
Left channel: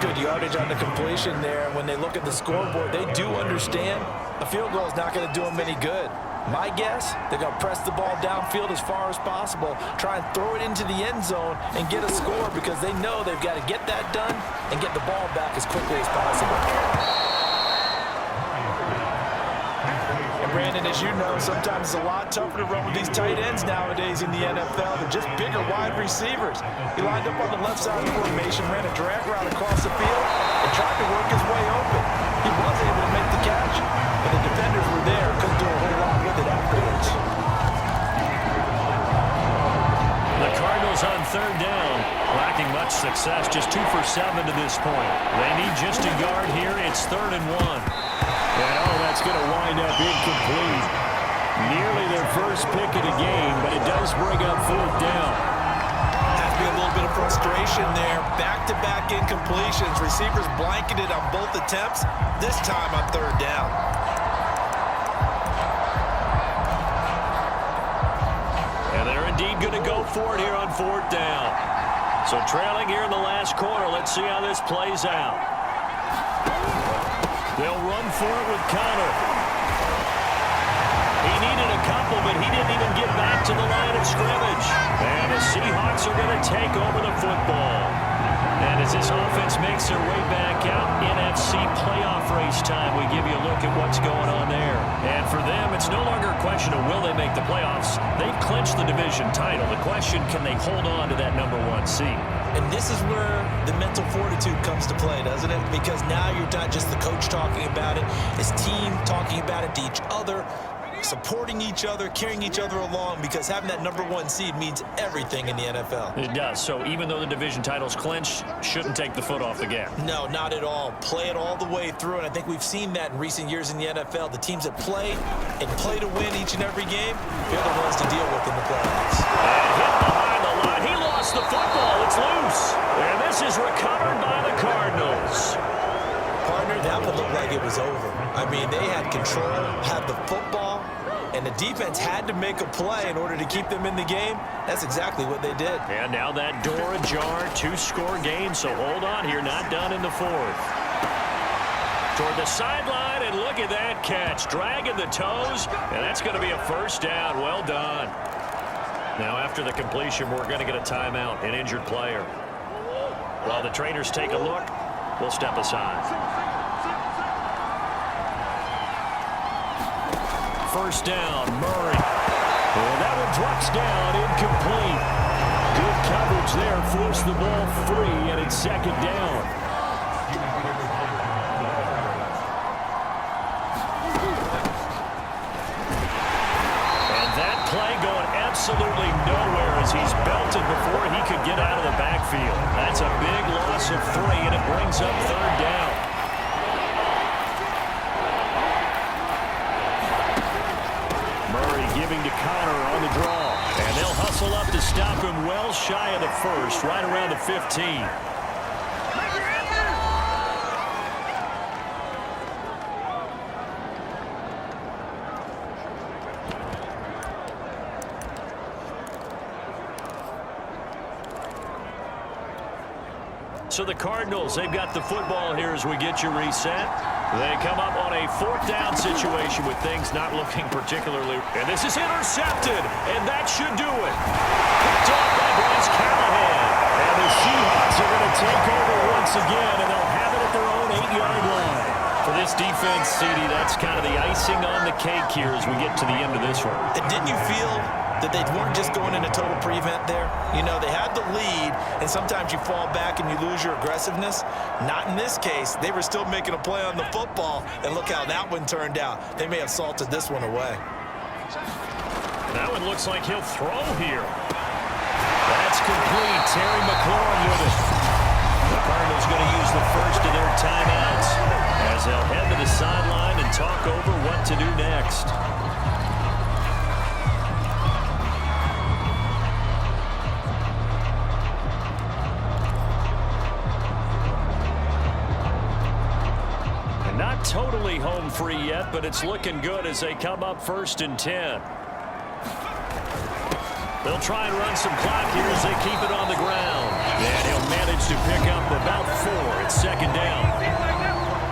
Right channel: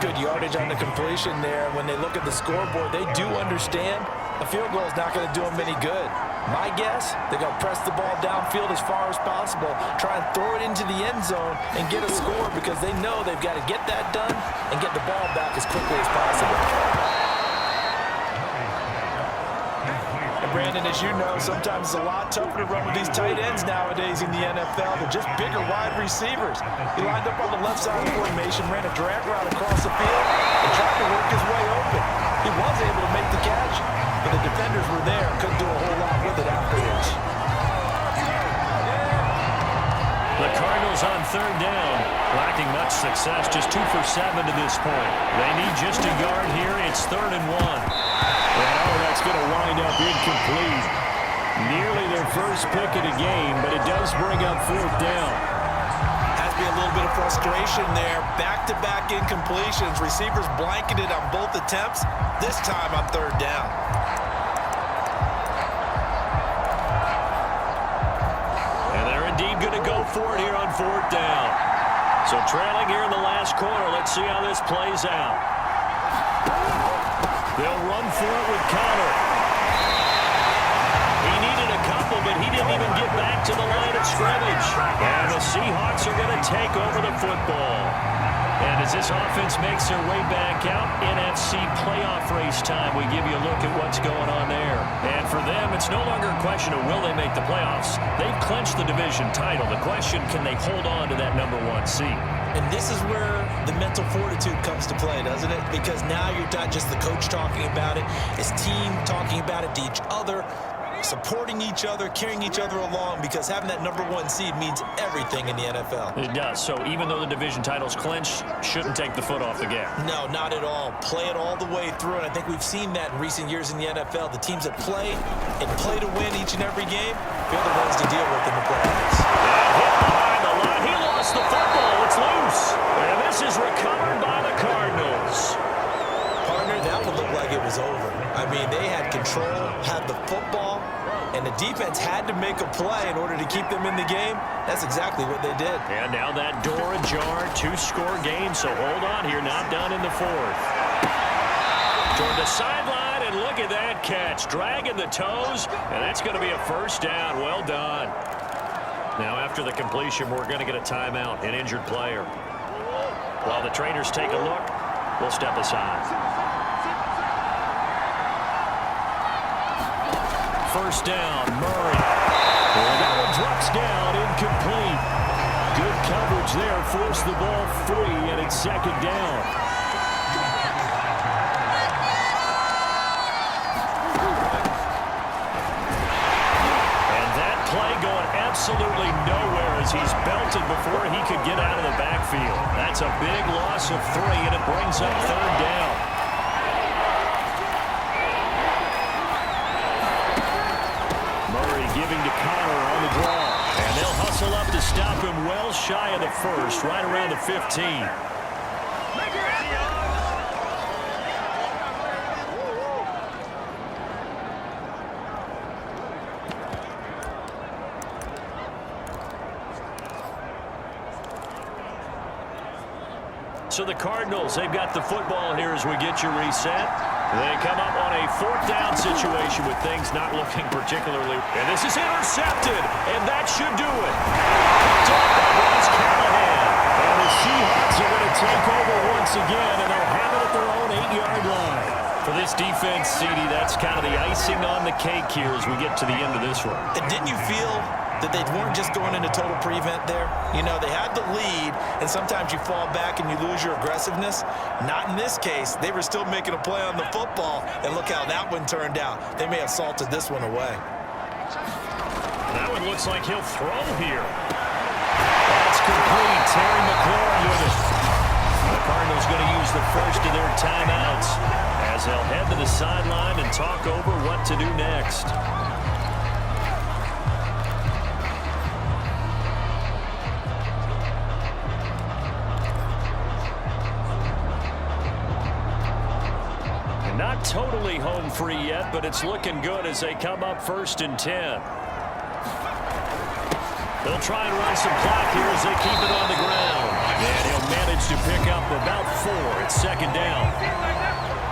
Good yardage on the completion there. When they look at the scoreboard, they do understand a field goal is not going to do them any good. My guess, they're going to press the ball downfield as far as possible, try and throw it into the end zone and get a score, because they know they've got to get that done and get the ball back as quickly as possible. And Brandon, as you know, sometimes it's a lot tougher to run with these tight ends nowadays in the NFL. They're just bigger wide receivers. He lined up on the left side of the formation, ran a drag route across the field, and tried to work his way open. He was able to make the catch, but the defenders were there, couldn't do a whole lot with it afterwards. The Cardinals on third down, lacking much success, just 2 for 7 to this point. They need just a yard here. It's 3rd and 1. And that's going to wind up incomplete. Nearly their first pick of the game, but it does bring up 4th down. Has to be a little bit of frustration there. Back-to-back incompletions. Receivers blanketed on both attempts, this time on 3rd down. And they're indeed going to go for it here on 4th down. So trailing here in the last quarter. Let's see how this plays out. They'll run for it with Connor. He needed a couple, but he didn't even get back to the line of scrimmage. And the Seahawks are going to take over the football. And as this offense makes their way back out, NFC playoff race time, we give you a look at what's going on there. And for them, it's no longer a question of will they make the playoffs. They've clinched the division title. The question, can they hold on to that #1 seed? And this is where the mental fortitude comes to play, doesn't it? Because now you're not just the coach talking about it, it's team talking about it to each other, supporting each other, carrying each other along, because having that #1 seed means everything in the NFL. It does. So even though the division title's clinched, shouldn't take the foot off the gas. No, not at all. Play it all the way through, and I think we've seen that in recent years in the NFL. The teams that play and play to win each and every game, they're the ones to deal with in the playoffs. And hit behind the line. He lost the football. It's loose. And this is recovered by the Cardinals. Partner, that one looked like it was over. I mean, they had control, had the football, and the defense had to make a play in order to keep them in the game. That's exactly what they did. And now that door ajar, 2-score game, so hold on here, not done in the 4th. Toward the sideline, and look at that catch. Dragging the toes, and that's going to be a 1st down. Well done. Now after the completion, we're going to get a timeout, an injured player. While the trainers take a look, we'll step aside. 1st down, Murray. And that one drops down, incomplete. Good coverage there, forced the ball free, and it's 2nd down. And that play going absolutely nowhere as he's belted before he could get out of the backfield. That's a big loss of 3, and it brings up 3rd down. Murray giving to Connor on the draw. And they'll hustle up to stop him well shy of the 1st, right around the 15. So the Cardinals, they've got the football here as we get you reset. They come up on a 4th down situation with things not looking particularly. And this is intercepted, and that should do it. Picked off by Bryce Callahan. And the Seahawks are going to take over once again, and they'll have it at their own 8-yard line. For this defense, CD, that's kind of the icing on the cake here as we get to the end of this one. And didn't you feel that they weren't just going into total prevent there? You know, they had the lead, and sometimes you fall back and you lose your aggressiveness. Not in this case. They were still making a play on the football, and look how that one turned out. They may have salted this one away. That one looks like he'll throw here. That's complete. Terry McLaurin with it. The Cardinals going to use the first of their timeouts as they'll head to the sideline and talk over what to do next. Not totally home free yet, but it's looking good as they come up 1st and 10. They'll try and run some clock here as they keep it on the ground. And he'll manage to pick up about 4. It's 2nd down.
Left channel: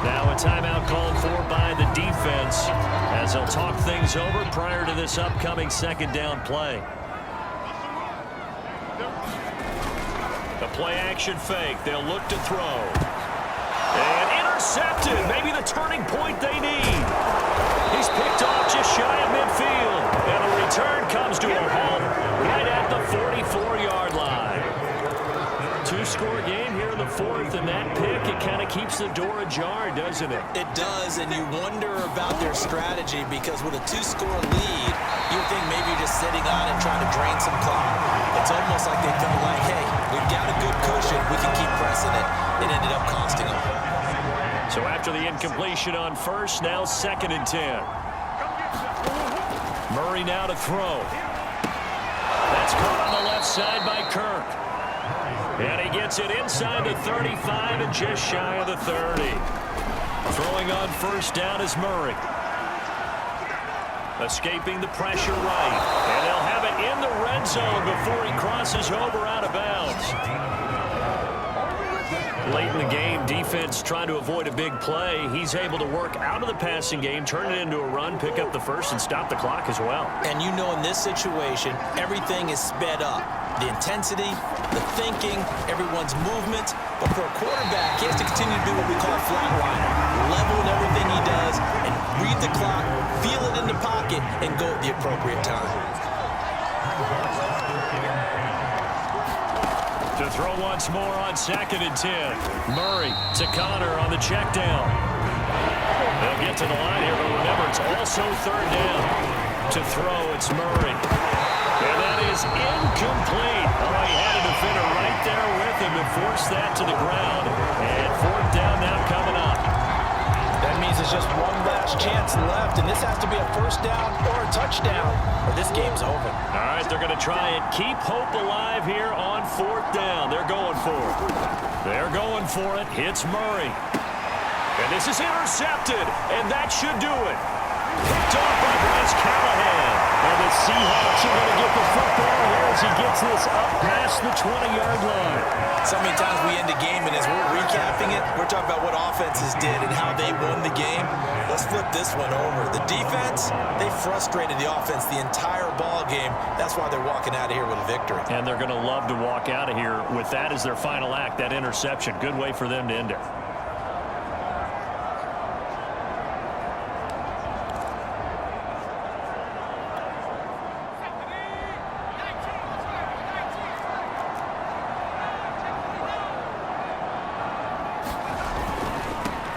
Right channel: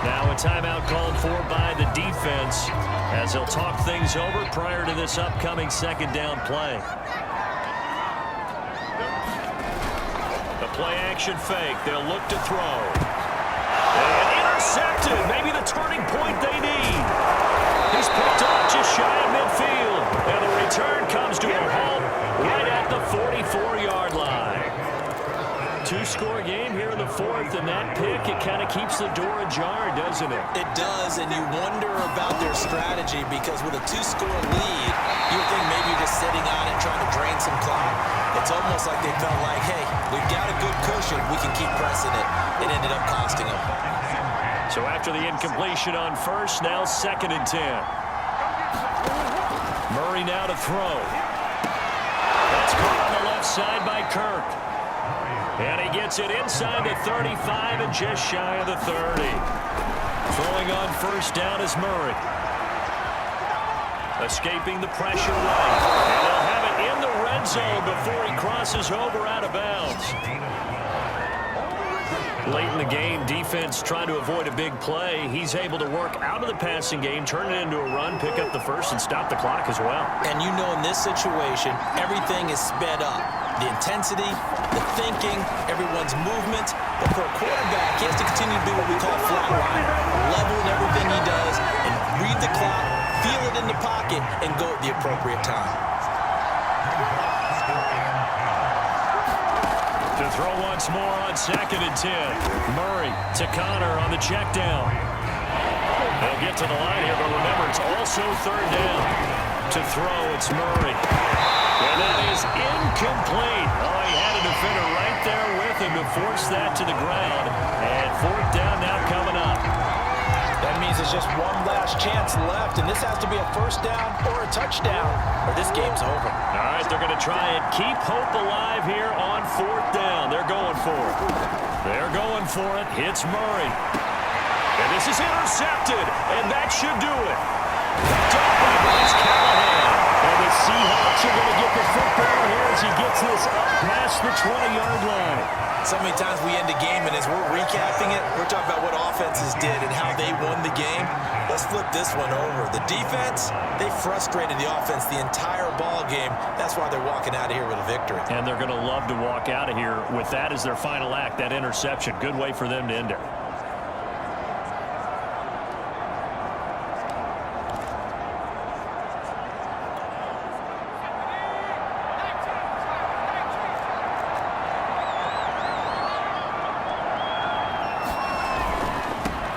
Now a timeout called for by the defense as they'll talk things over prior to this upcoming 2nd down play. The play action fake. They'll look to throw. And intercepted. Maybe the turning point they need. He's picked off just shy of midfield. And the return comes to a halt right at the 44-yard line. 2-score game here in the 4th, and that pick, it kind of keeps the door ajar, doesn't it? It does, and you wonder about their strategy because with a 2-score lead, You would think maybe you're just sitting on it trying to drain some clock. It's almost like they felt like, hey, we've got a good cushion. We can keep pressing it. It ended up costing them. So after the incompletion on first, now 2nd and 10. Murray now to throw. That's caught on the left side by Kirk. And he gets it inside the 35 and just shy of the 30. Throwing on first down is Murray. Escaping the pressure right. And they'll have it in the red zone before he crosses over out of bounds. Late in the game, defense trying to avoid a big play. He's able to work out of the passing game, turn it into a run, pick up the first, and stop the clock as well. And you know in this situation, everything is sped up. The intensity, the thinking, everyone's movement. But for a quarterback, he has to continue to be what we call a flatliner. Level in everything he does and read the clock, feel it in the pocket, and go at the appropriate time. To throw once more on 2nd and 10. Murray to Connor on the check down. They'll get to the line here, but remember, it's also 3rd down. To throw, it's Murray. And that is incomplete. Oh, he had a defender right there with him to force that to the ground. And 4th down now coming up. That means it's just one last chance left, and this has to be a first down or a touchdown, or this game's over. All right, they're going to try and keep hope alive here on 4th down. They're going for it. They're going for it. Hits Murray. And this is intercepted, and that should do it. Picked off by Bryce Callahan. And the Seahawks are going to get the football here as he gets this up past the 20-yard line. So many times we end a game, and as we're recapping it, we're talking about what offenses did and how they won the game. Let's flip this one over. The defense, they frustrated the offense the entire ball game. That's why they're walking out of here with a victory. And they're going to love to walk out of here with that as their final act, that interception. Good way for them to end it.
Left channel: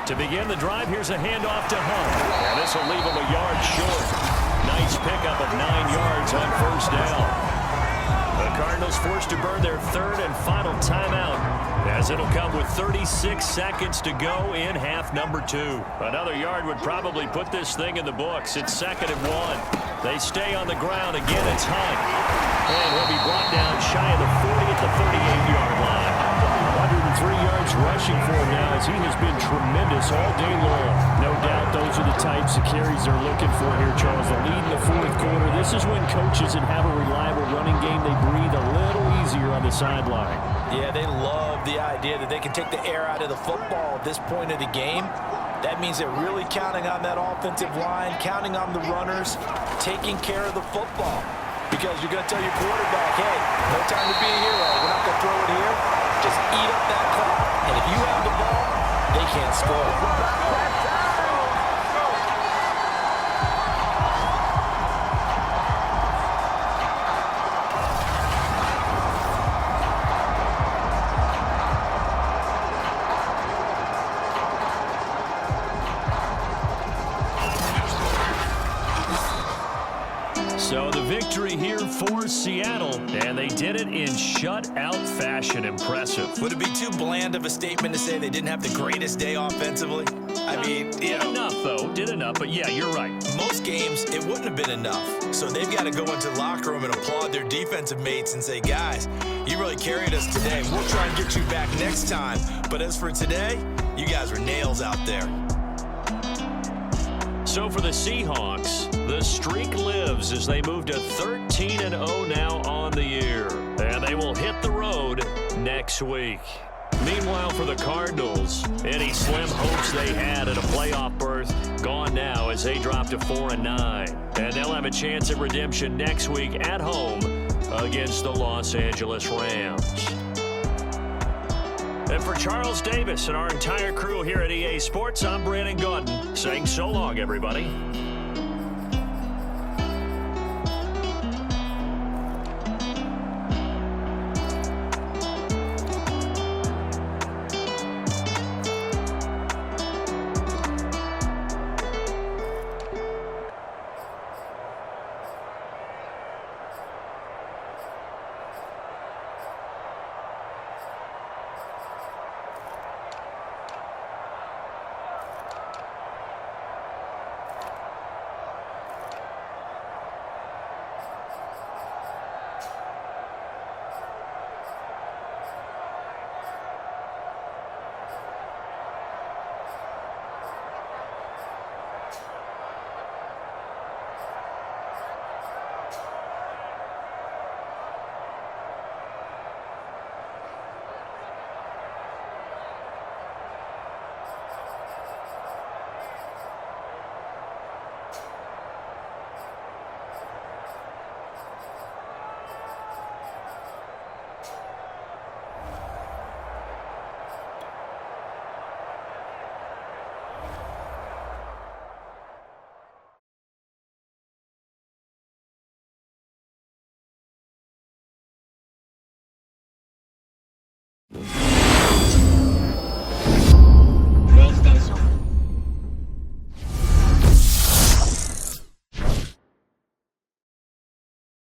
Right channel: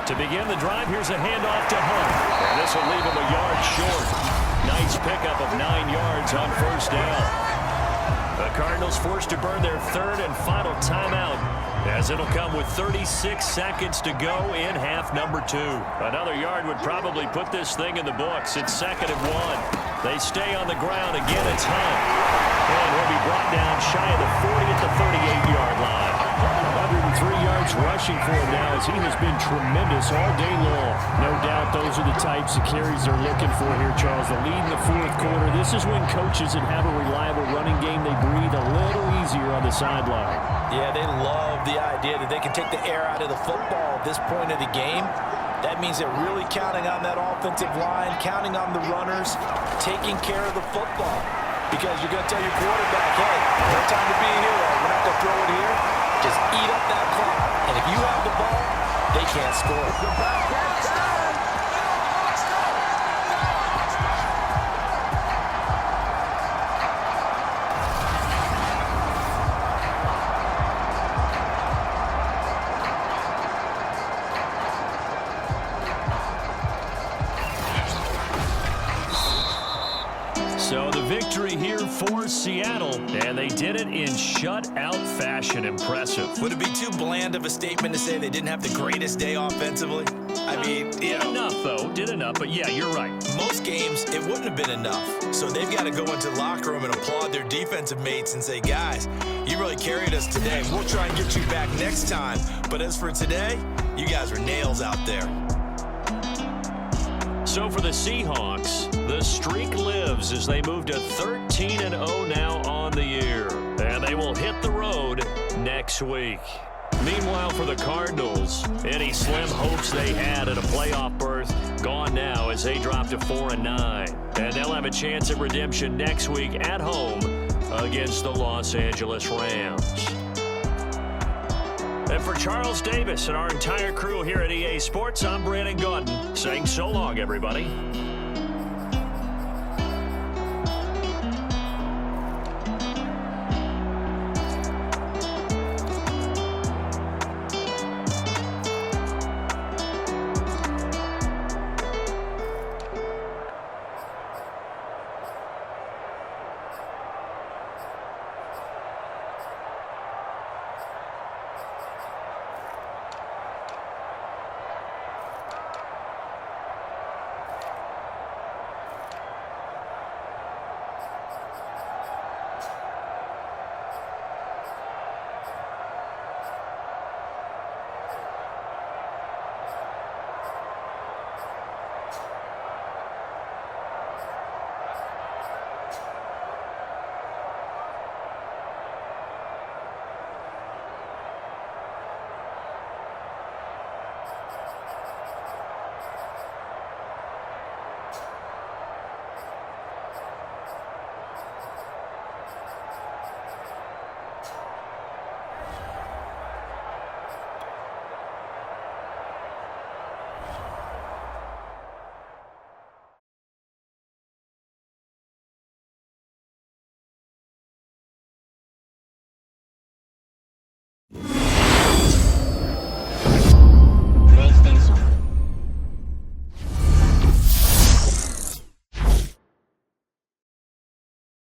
To begin the drive, here's a handoff to Hunt. And this will leave him a yard short. Nice pickup of 9 yards on first down. The Cardinals forced to burn their 3rd and final timeout, as it'll come with 36 seconds to go in half number 2. Another yard would probably put this thing in the books. It's 2nd and 1. They stay on the ground. Again, it's Hunt. And he'll be brought down shy of the 40 at the 38-yard line. 103 yards rushing for him now, as he has been tremendous all day long. No doubt those are the types of carries they're looking for here, Charles. The lead in the 4th quarter. This is when coaches that have a reliable running game, they breathe a little easier on the sideline. Yeah, they love the idea that they can take the air out of the football at this point of the game. That means they're really counting on that offensive line, counting on the runners, taking care of the football. Because you're going to tell your quarterback, hey, no time to be a hero. We're not going to throw it here. Just eat up that clock. And if you have the ball, they can't score. So the victory here for Seattle, and they did it in shutout fashion. Impressive. Would it be too bland of a statement to say they didn't have the greatest day offensively? I mean, did enough, though. Did enough, but yeah, you're right. Most games, it wouldn't have been enough. So they've got to go into the locker room and applaud their defensive mates and say, guys, you really carried us today. We'll try and get you back next time. But as for today, you guys were nails out there. So for the Seahawks, the streak lives as they move to 13-0 now on the year. And they will hit the road next week. Meanwhile, for the Cardinals, any slim hopes they had at a playoff berth gone now as they drop to 4-9. And they'll have a chance at redemption next week at home against the Los Angeles Rams. And for Charles Davis and our entire crew here at EA Sports, I'm Brandon Gaudin saying so long, everybody.